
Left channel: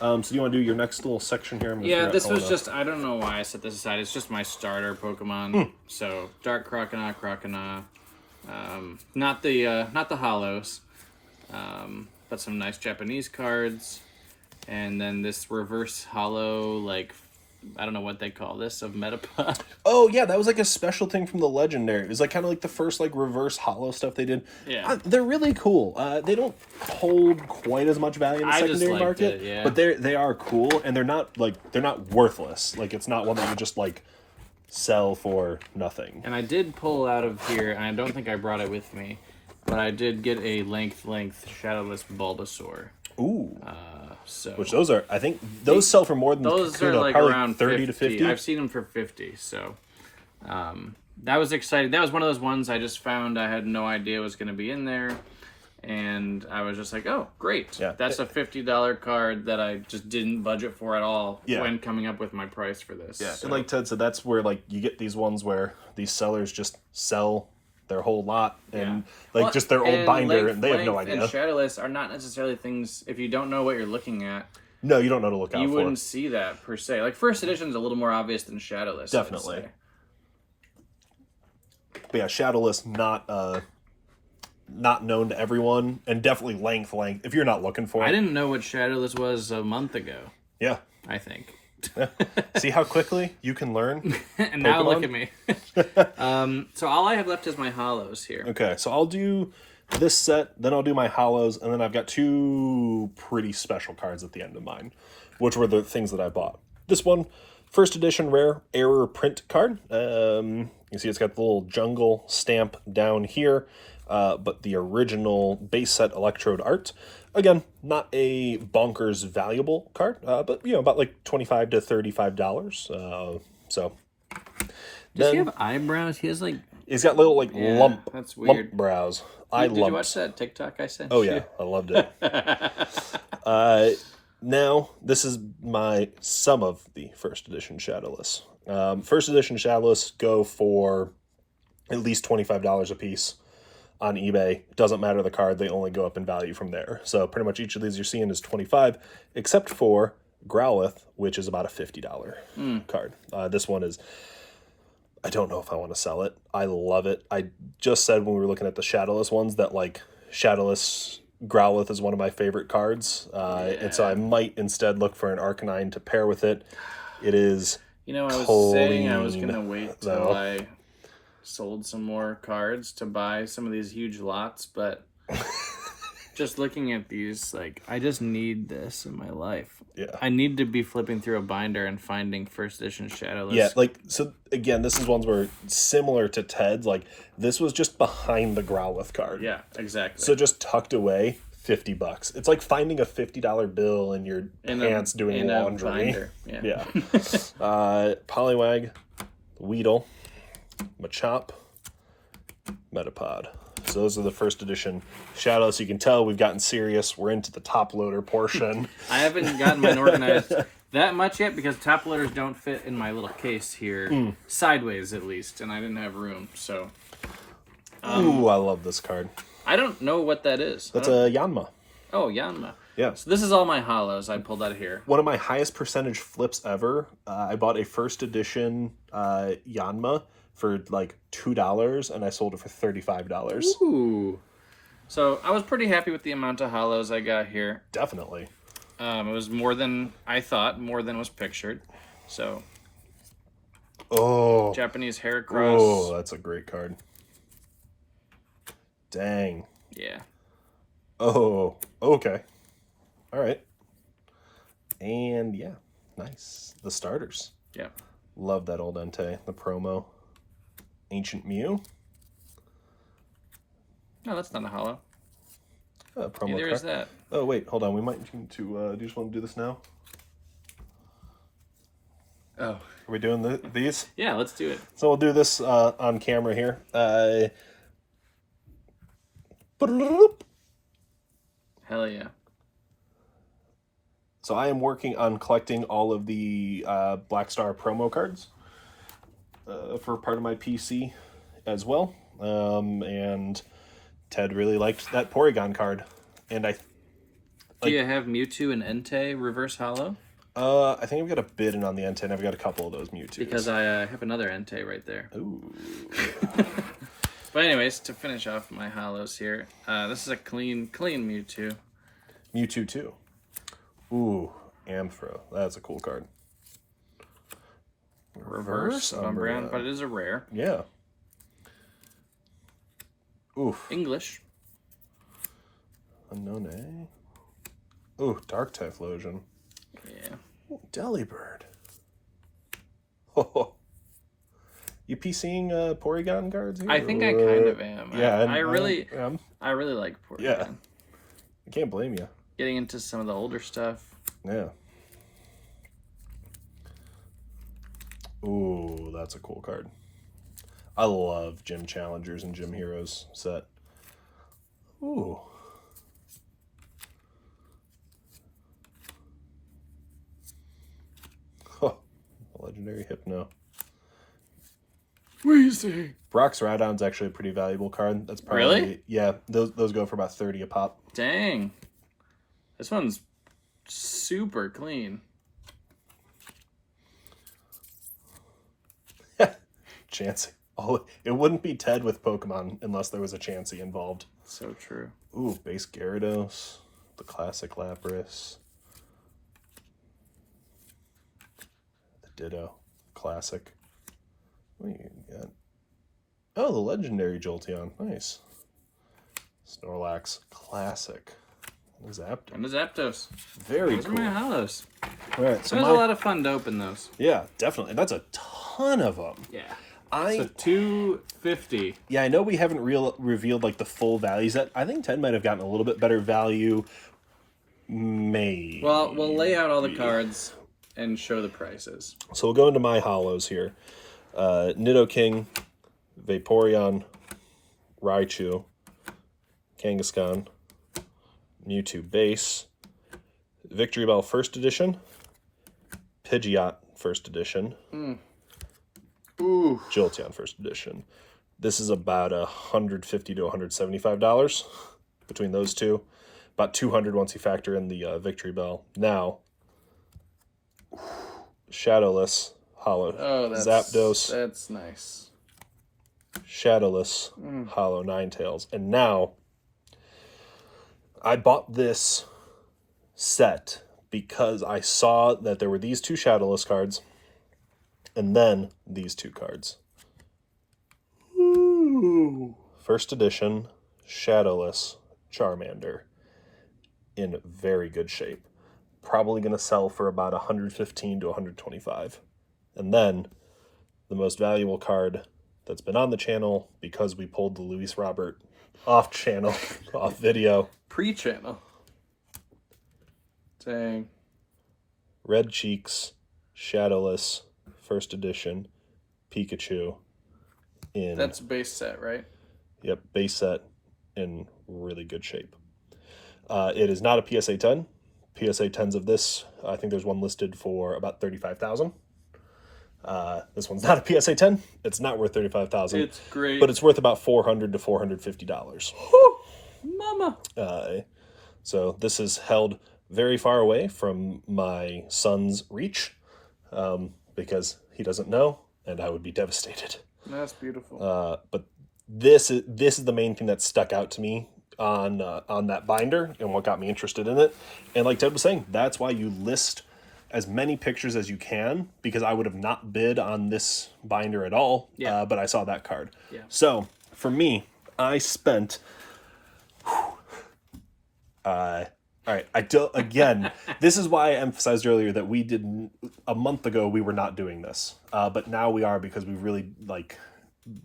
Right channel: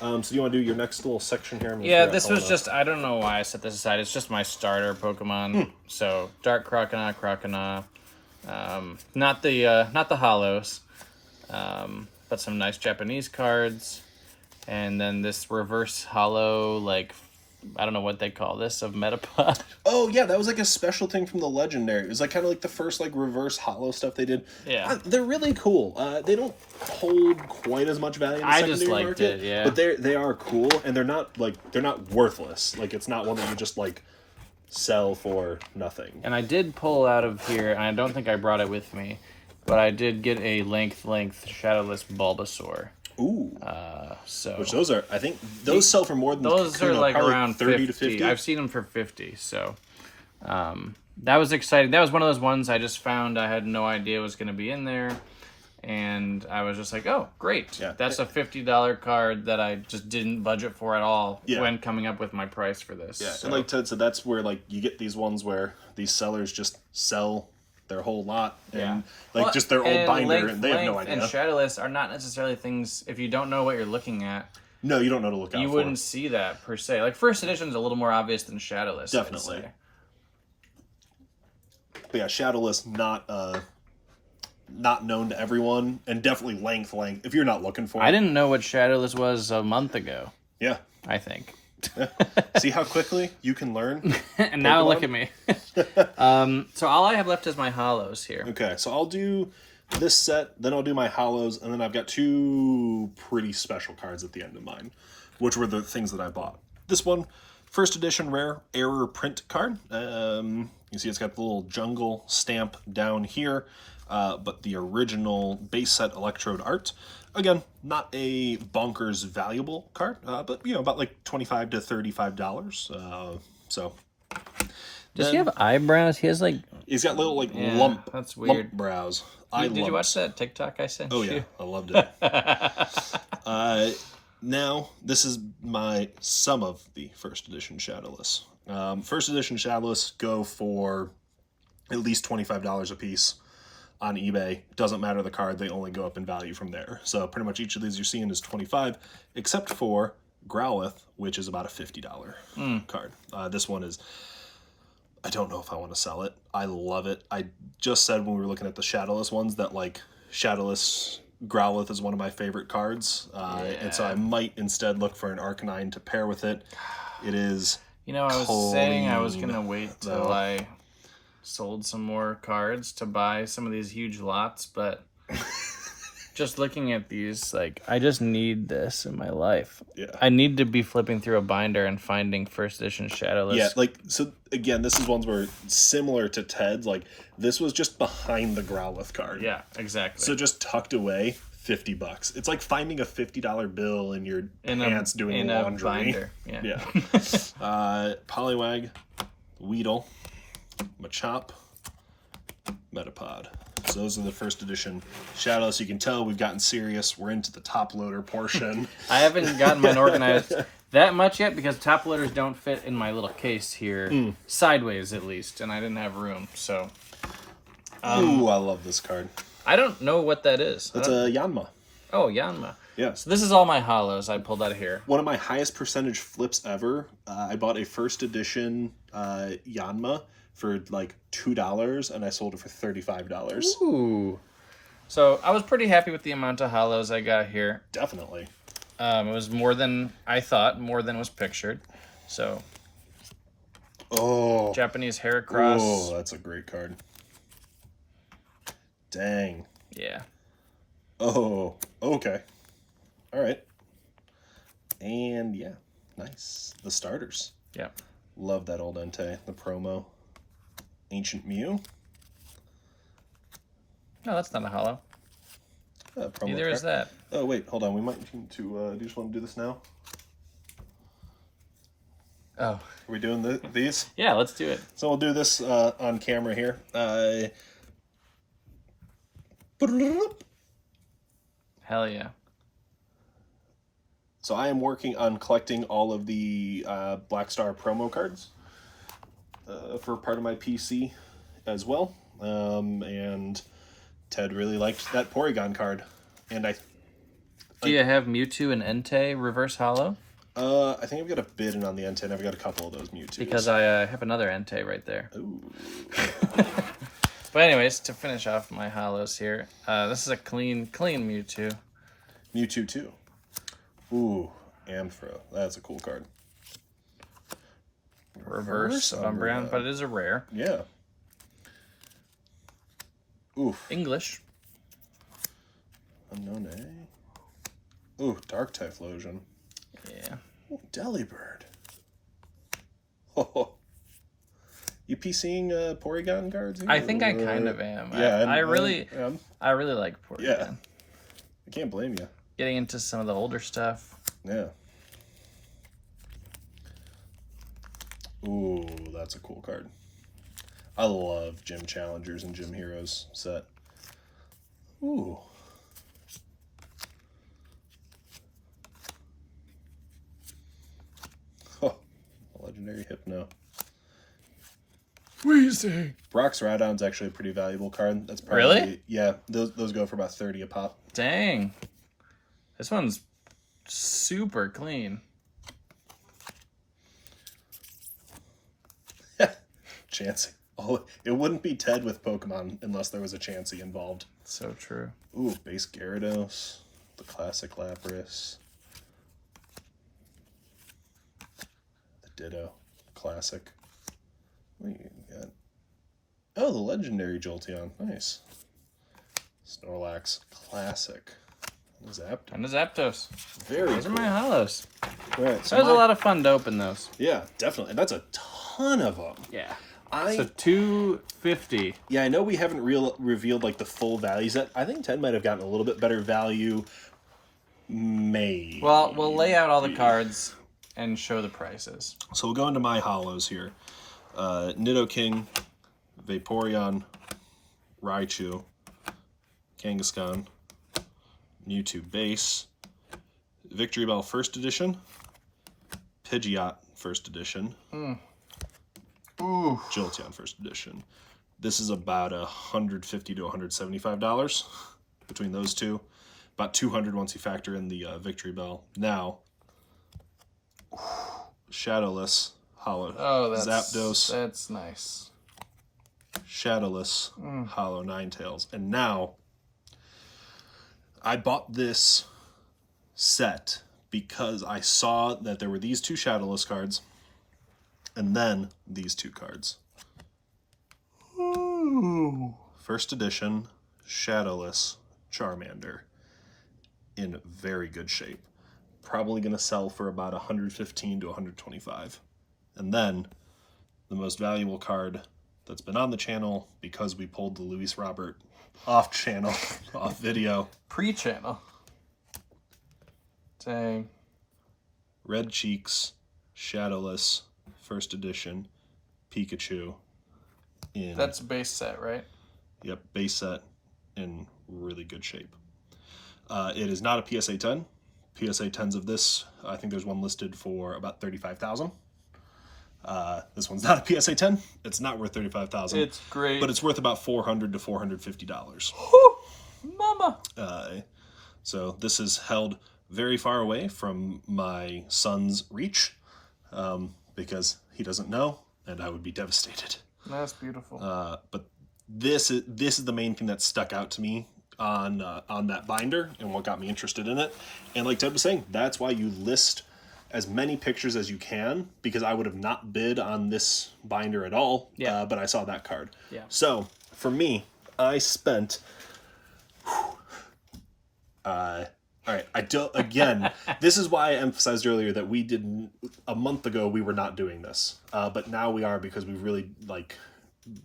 So do you want to do your next little section here? Yeah, this was just, I don't know why I set this aside. It's just my starter Pokemon. So Dark Croconaw. Not the hollows, but some nice Japanese cards. And then this reverse hollow, I don't know what they call this, of Metapod. Oh, yeah, that was a special thing from the Legendary. It was kind of the first reverse hollow stuff they did. Yeah. They're really cool. They don't hold quite as much value in the secondary market. But they are cool, and they're not worthless. It's not one that you just sell for nothing. And I did pull out of here, and I don't think I brought it with me, but I did get a length Shadowless Bulbasaur. Ooh. Which those are, I think, those sell for more than those Kakuna, are around 30 to 50. I've seen them for 50, so that was exciting. That was one of those ones I just found. I had no idea was going to be in there, and I was just like, oh, great. Yeah. That's a $50 card that I just didn't budget for at all when coming up with my price for this. Yeah, so. and like Ted said, that's where you get these ones where these sellers just sell their whole lot and just their old binder, and they have no idea. And Shadowless are not necessarily things, if you don't know what you're looking at. No, you don't know to look out for. You wouldn't see that per se. First edition is a little more obvious than Shadowless. Definitely. But yeah, Shadowless not known to everyone, and definitely length. If you're not looking for it. I didn't know what Shadowless was a month ago. Yeah. I think. Yeah. See how quickly you can learn? And now look at me. So all I have left is my hollows here. Okay, so I'll do this set, then I'll do my hollows, and then I've got 2 pretty special cards at the end of mine, which were the things that I bought. This one, first edition rare error print card. You see it's got the little jungle stamp down here, but the original base set Electrode art. Again, not a bonkers valuable card, but about $25 to $35. So. Does he have eyebrows? He has He's got little lump. That's weird. Lump brows. Did you watch that TikTok I sent you? Oh yeah, I loved it. Now this is some of the first edition Shadowless. First edition Shadowless go for at least $25 a piece on eBay. Doesn't matter the card, they only go up in value from there. So pretty much each of these you're seeing is $25, except for Growlithe, which is about a $50 card. This one is, I don't know if I want to sell it. I love it. I just said when we were looking at the Shadowless ones that Shadowless Growlithe is one of my favorite cards. And so I might instead look for an Arcanine to pair with it. It is I was saying I was going to wait till I sold some more cards to buy some of these huge lots, but just looking at these, like, I just need this in my life. Yeah. I need to be flipping through a binder and finding first edition Shadowless. Yeah, like, so again, this is ones where similar to Ted's, like, this was just behind the Growlithe card. Yeah, exactly. So just tucked away, $50. It's like finding a $50 bill in your pants doing laundry. Binder. Yeah. Yeah. Poliwag, Weedle, Machop, Metapod. So those are the first edition Shadowless. You can tell we've gotten serious. We're into the top loader portion. I haven't gotten mine organized that much yet because top loaders don't fit in my little case here, sideways at least, and I didn't have room. So, Ooh, I love this card. I don't know what that is. That's a Yanma. Oh, Yanma. Yeah. So this is all my hollows I pulled out of here. One of my highest percentage flips ever. I bought a first edition Yanma for like $2, and I sold it for $35. Ooh. So I was pretty happy with the amount of hollows I got here. Definitely. It was more than I thought, more than was pictured. So, oh, Japanese Heracross. Oh, that's a great card. Dang. Yeah. Oh, okay. All right. And yeah, nice. The starters. Yep. Love that old Entei, the promo. Ancient Mew. No, that's not a hollow. Promo Neither card. is that. Oh, wait, hold on. We might need to, do you just want to do this now? Oh. Are we doing these? Yeah, let's do it. So we'll do this on camera here. Hell yeah. So I am working on collecting all of the Black Star promo cards for part of my PC as well. And Ted really liked that Porygon card. And Do you have Mewtwo and Entei reverse hollow? I think I've got a bid in on the Entei, and I've got a couple of those Mewtwo's. Because I have another Entei right there. Ooh. But anyways, to finish off my hollows here, this is a clean Mewtwo. Mewtwo 2. Ooh, Amphro. That's a cool card. Reverse Umbreon, but it is a rare. Yeah. Oof. English. Unknown A. Ooh, Dark Typhlosion. Yeah. Ooh, Delibird. Oh. You PCing Porygon cards here? I think I kind of am. Yeah, I really like Porygon. Yeah. I can't blame you. Getting into some of the older stuff. Yeah. Ooh, that's a cool card. I love Gym Challengers and Gym Heroes set. Ooh. Oh, legendary Hypno. Weezy. Brock's Rhydon's actually a pretty valuable card. That's probably Really? Yeah, those go for about 30 a pop. Dang. This one's super clean. Chansey. Oh, it wouldn't be Ted with Pokemon unless there was a Chansey involved. So true. Ooh, base Gyarados, the classic Lapras, the Ditto, classic. What do you got? Oh, the legendary Jolteon, nice. Snorlax, classic. Zapdos. And the Zapdos. Very Those cool. are my hollows. All right, So it was a lot of fun to open those. Yeah, definitely. That's a ton of them. Yeah. I So 250. Yeah, I know we haven't revealed like the full values yet. I think Ted might have gotten a little bit better value. Maybe. Well, we'll lay out all the cards and show the prices. So we'll go into my hollows here. Nidoking, Vaporeon, Raichu, Kangaskhan, Mewtwo base, Victory Bell first edition, Pidgeot first edition, Ooh. Jolteon first edition. This is about $150 to $175 between those two. About $200 once you factor in the Victory Bell. Now, Shadowless, Hollow, Zapdos, That's nice. Shadowless, Hollow Ninetales. And now, I bought this set because I saw that there were these two Shadowless cards and then these two cards. Ooh. First edition, Shadowless, Charmander. in very good shape. Probably going to sell for about 115 to 125. And then the most valuable card that's been on the channel, because we pulled the Luis Robert off channel, off video. Pre-channel. Dang. Red Cheeks, Shadowless, first edition, Pikachu. That's base set, right? Yep, base set in really good shape. It is not a PSA 10. PSA 10s of this, I think there's one listed for about 35,000. This one's not a PSA 10. It's not worth 35,000. It's great, but it's worth about $400 to $450. Mama. So this is held very far away from my son's reach, because he doesn't know, and I would be devastated. That's beautiful. But this is the main thing that stuck out to me on that binder and what got me interested in it. And like Ted was saying, that's why you list as many pictures as you can, because I would have not bid on this binder at all. Yeah. But I saw that card. Yeah. So for me, I spent. All right, I don't. Again, this is why I emphasized earlier that we didn't. A month ago, we were not doing this, but now we are, because we've really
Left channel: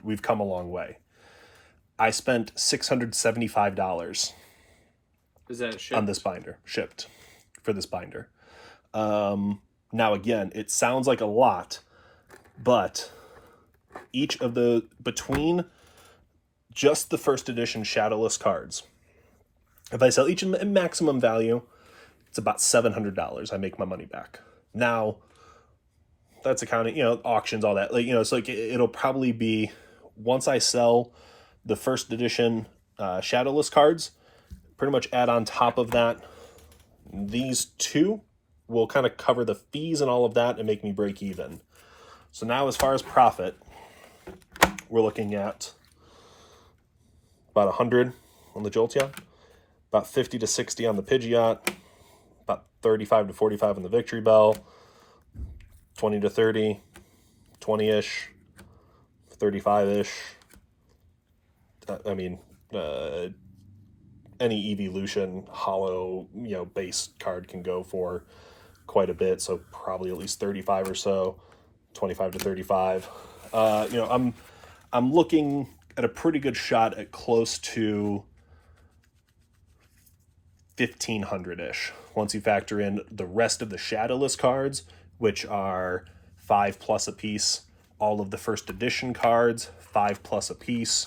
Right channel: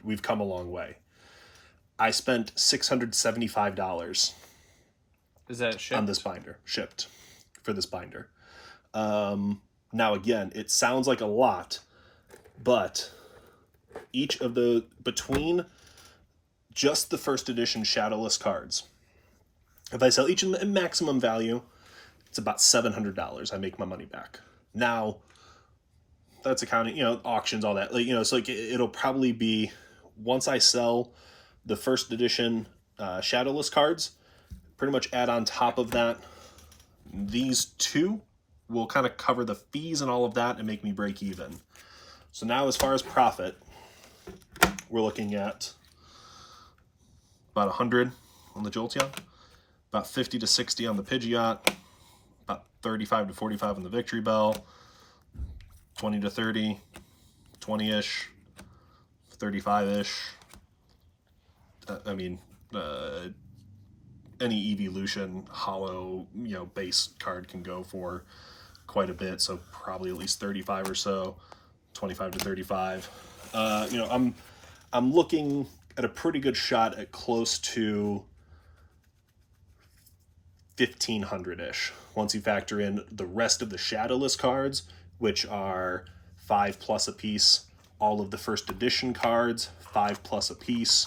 we've come a long way. I spent $675. Is that shipped? On this binder, shipped for this binder. Now again, it sounds like a lot, but each of the between just the first edition shadowless cards. If I sell each in maximum value, it's about $700. I make my money back. Now, that's accounting, auctions, all that. So it'll probably be, once I sell the first edition shadowless cards, pretty much add on top of that, these two will kind of cover the fees and all of that and make me break even. So now, as far as profit, we're looking at about 100 on the Jolteon, about 50 to 60 on the Pidgeot, about 35 to 45 on the Victory Bell, 20 to 30, 20-ish, 35-ish. Any Evolution hollow, base card can go for quite a bit, so probably at least 35 or so, 25 to 35. I'm looking at a pretty good shot at close to 1,500-ish. Once you factor in the rest of the shadowless cards, which are 5+ a piece, all of the first edition cards, 5+ a piece.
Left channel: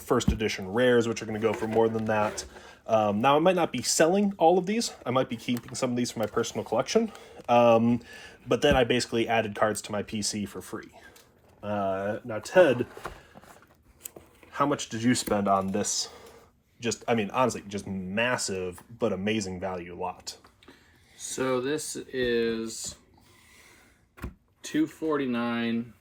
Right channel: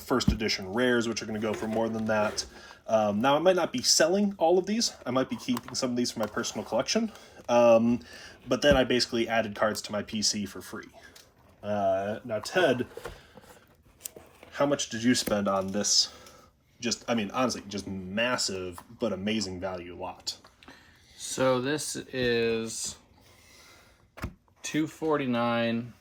First edition rares, which are going to go for more than that. Now, I might not be selling all of these. I might be keeping some of these for my personal collection. But then I basically added cards to my PC for free. Now, Ted, how much did you spend on this? Honestly, just massive but amazing value lot. So this is $249.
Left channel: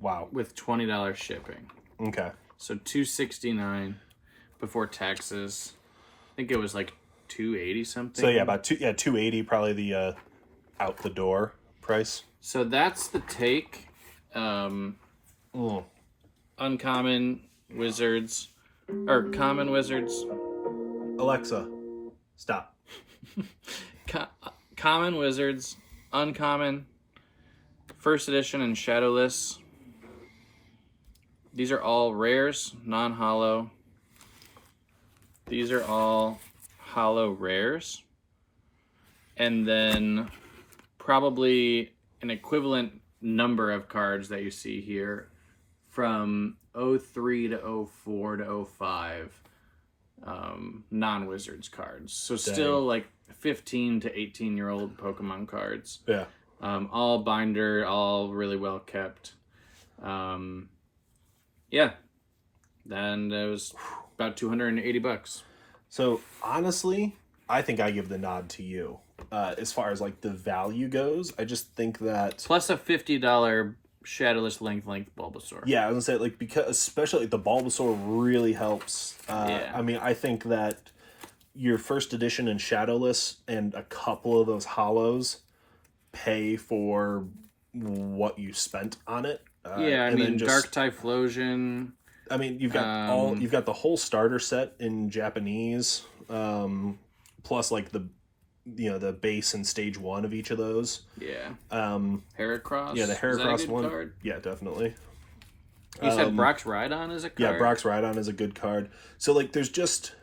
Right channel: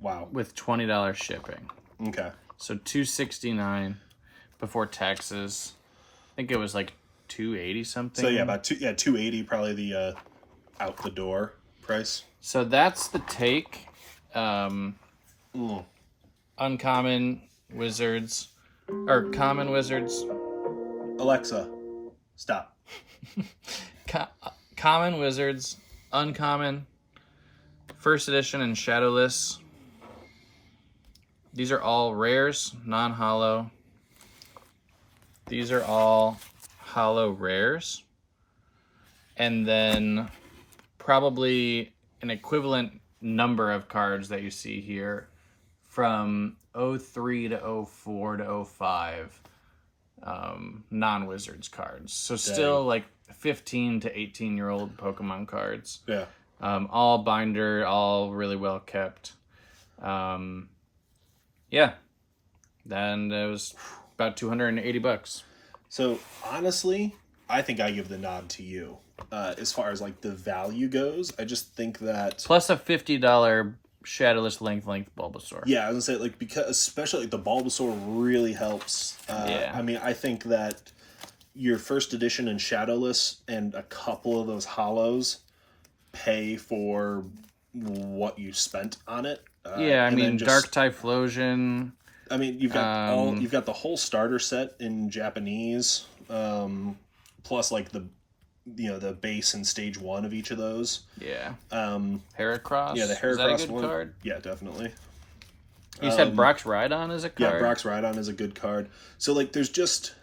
Wow. With $20 shipping. Okay. So $269 before taxes. I think it was like $280 something. So yeah, about $280 probably the out the door price. So that's the take. Uncommon wizards or common wizards. Alexa, stop. Common wizards, uncommon, first edition, and shadowless. These are all rares, non-hollow. These are all hollow rares. And then probably an equivalent number of cards that you see here from 03 to 04 to 05 non-wizards cards. So still like 15 to 18-year-old Pokemon cards. Yeah. All binder, all really well kept. Yeah. Then it was about $280. So honestly, I think I give the nod to you. As far as like the value goes, I just think that plus a $50 shadowless length Bulbasaur. Yeah, I was gonna say because especially the Bulbasaur really helps. Yeah. I think that your first edition and shadowless and a couple of those hollows pay for what you spent on it. Dark Typhlosion. I mean, you've got the whole starter set in Japanese, plus like the base and stage 1 of each of those. Yeah. Heracross. Yeah, the Heracross one. Card? Yeah, definitely. You said Brock's Rhydon is a card? Yeah, Brock's Rhydon is a good card. So, like, there's just...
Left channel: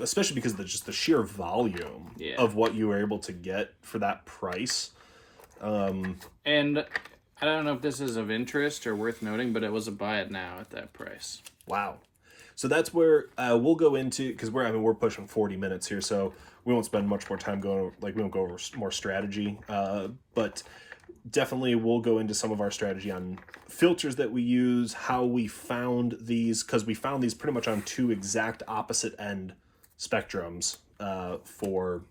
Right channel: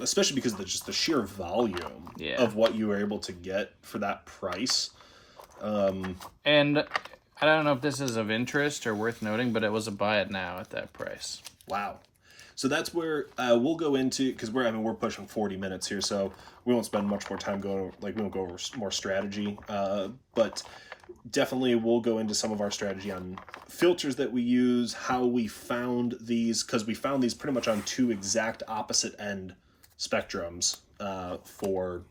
especially because of just the sheer volume of what you were able to get for that price. And I don't know if this is of interest or worth noting, but it was a buy it now at that price. Wow. So that's where we'll go into, because we're pushing 40 minutes here, so we won't spend much more time we won't go over more strategy, but definitely we'll go into some of our strategy on filters that we use, how we found these, because we found these pretty much on 2 exact opposite end spectrums for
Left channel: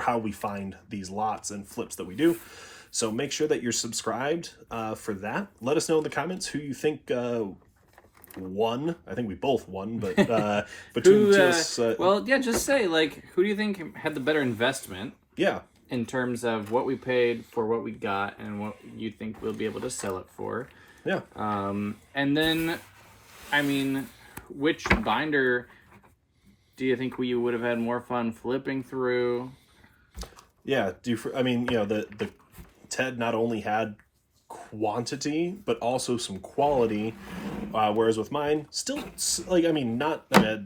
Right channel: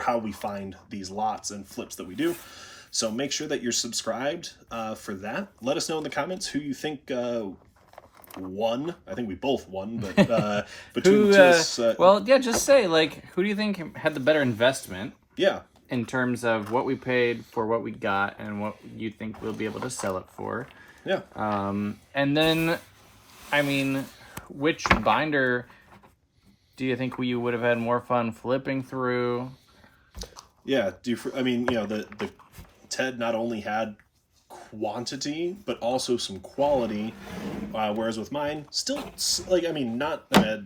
how we find these lots and flips that we do. So make sure that you're subscribed for that. Let us know in the comments who you think won. I think we both won, but between us, well, yeah, just say, like, who do you think had the better investment? Yeah. In terms of what we paid for what we got and what you think we'll be able to sell it for. Yeah. And then, I mean, which binder do you think we would have had more fun flipping through? Yeah. The Ted not only had quantity, but also some quality, whereas with mine, still, like, I mean, not a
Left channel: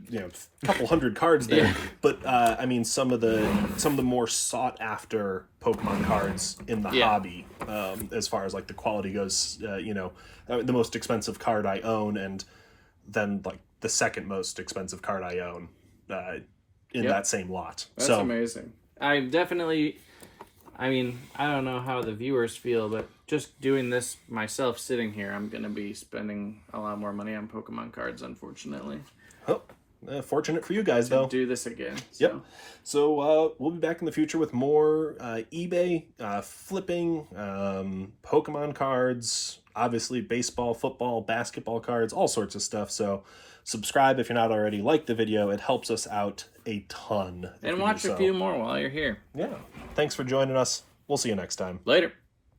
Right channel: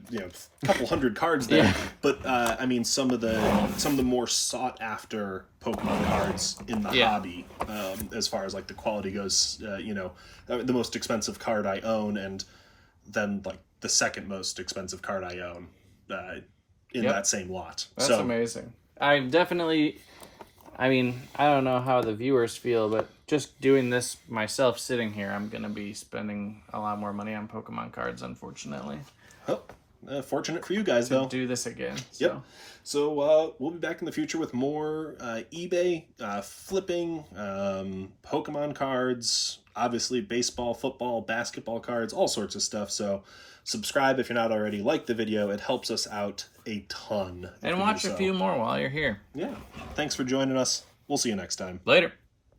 couple hundred cards there, but I mean, some of the more sought after Pokemon cards in the hobby, as far as like the quality goes, the most expensive card I own, and then like the second most expensive card I own in that same lot. That's amazing. I don't know how the viewers feel, but just doing this myself, sitting here, I'm going to be spending a lot more money on Pokemon cards, unfortunately. Oh, fortunate for you guys, though. Do this again. So. Yep. So we'll be back in the future with more eBay, flipping, Pokemon cards, obviously baseball, football, basketball cards, all sorts of stuff. So subscribe if you're not already. Like the video. It helps us out a ton. And watch a few more while you're here. Yeah. Thanks for joining us. We'll see you next time. Later.